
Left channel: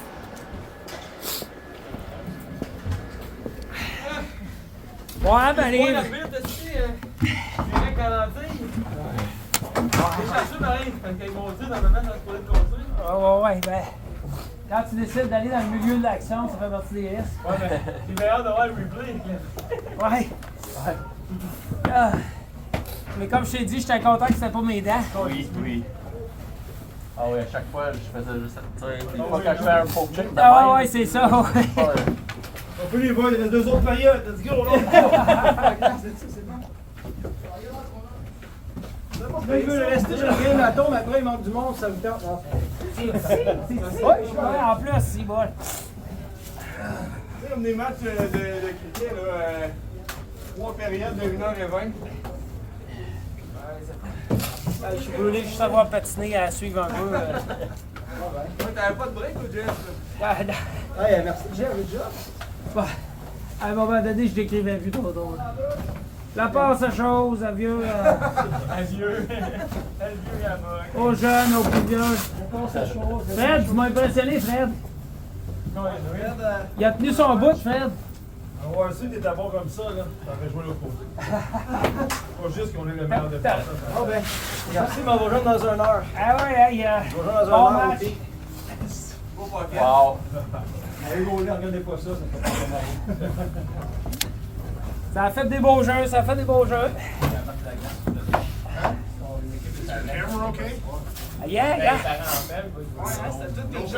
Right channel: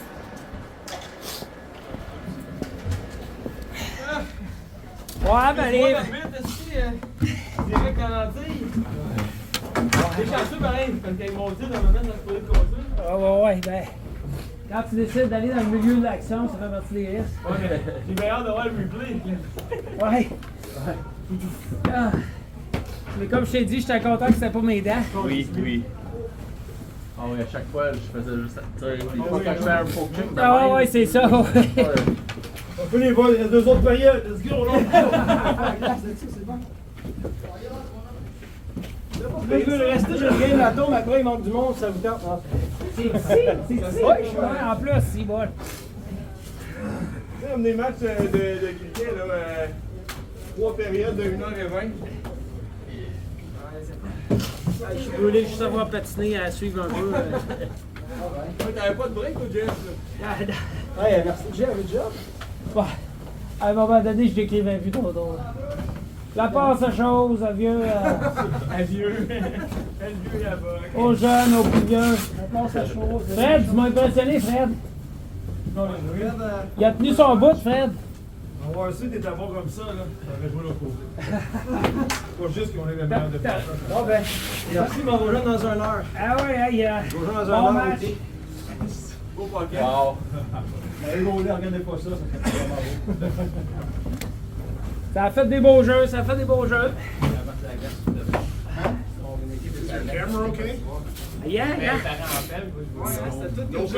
Ouais, ben les... Direct canadien. C'est chanceux pareil, quand ils m'ont dit dans le moment dans le construire. Ouais, ben... Quand tu décides d'aller dans le milieu de l'action, ça fait partie des risques. Ouais, mais j'ai bien hâte d'avoir le replay. Ouais. Ah. Mais comme je t'ai dit, j'étais content que c'était pas mes dents. Oui, oui. Ah oui, à chaque fois, je faisais juste. Tu sais, une fois que je fais un poke check, Ah ouais, c'est ça. Ouais. On peut les voir, il y a 2 autres payeurs. Let's go, là. C'est bon. Restez, je reviens la tombe, après il manque du monde, ça vous tente. C'est ouais, en plus, c'est bon. Tu sais, comme des matchs de cricket, là, 3 périodes de 1h20. Je voulais juste savoir patiner à suivre un peu. T'avais pas de break ou Jeff? Hey, merci, j'ai un job. Bah, à un moment donné, je décrivais plus trop drôle. La passe à chose, à vieux, Adieu. Adieu, la boque. aux jeunes, aux plus vieux. La passe à chose. Fred, tu m'as impressionné, Fred. Il a tenu son bout, Fred. On va voir si t'es d'abord comme ça, là. T'aurais joué le coup. Pas juste qu'on est le meilleur défenseur. Ah ben, merci, mais on va jouer dans 1 heure. Ah ouais, hey, On va jouer dans bon 1 heure. match. Beau pocket. Wow. Allez, regardez pas ça, ça fait vraiment beau. Ça a fait des beaux jeux, ça a fait des beaux jeux. Camera, OK? Yeah, yeah. Ouais, c'était tout quelque chose.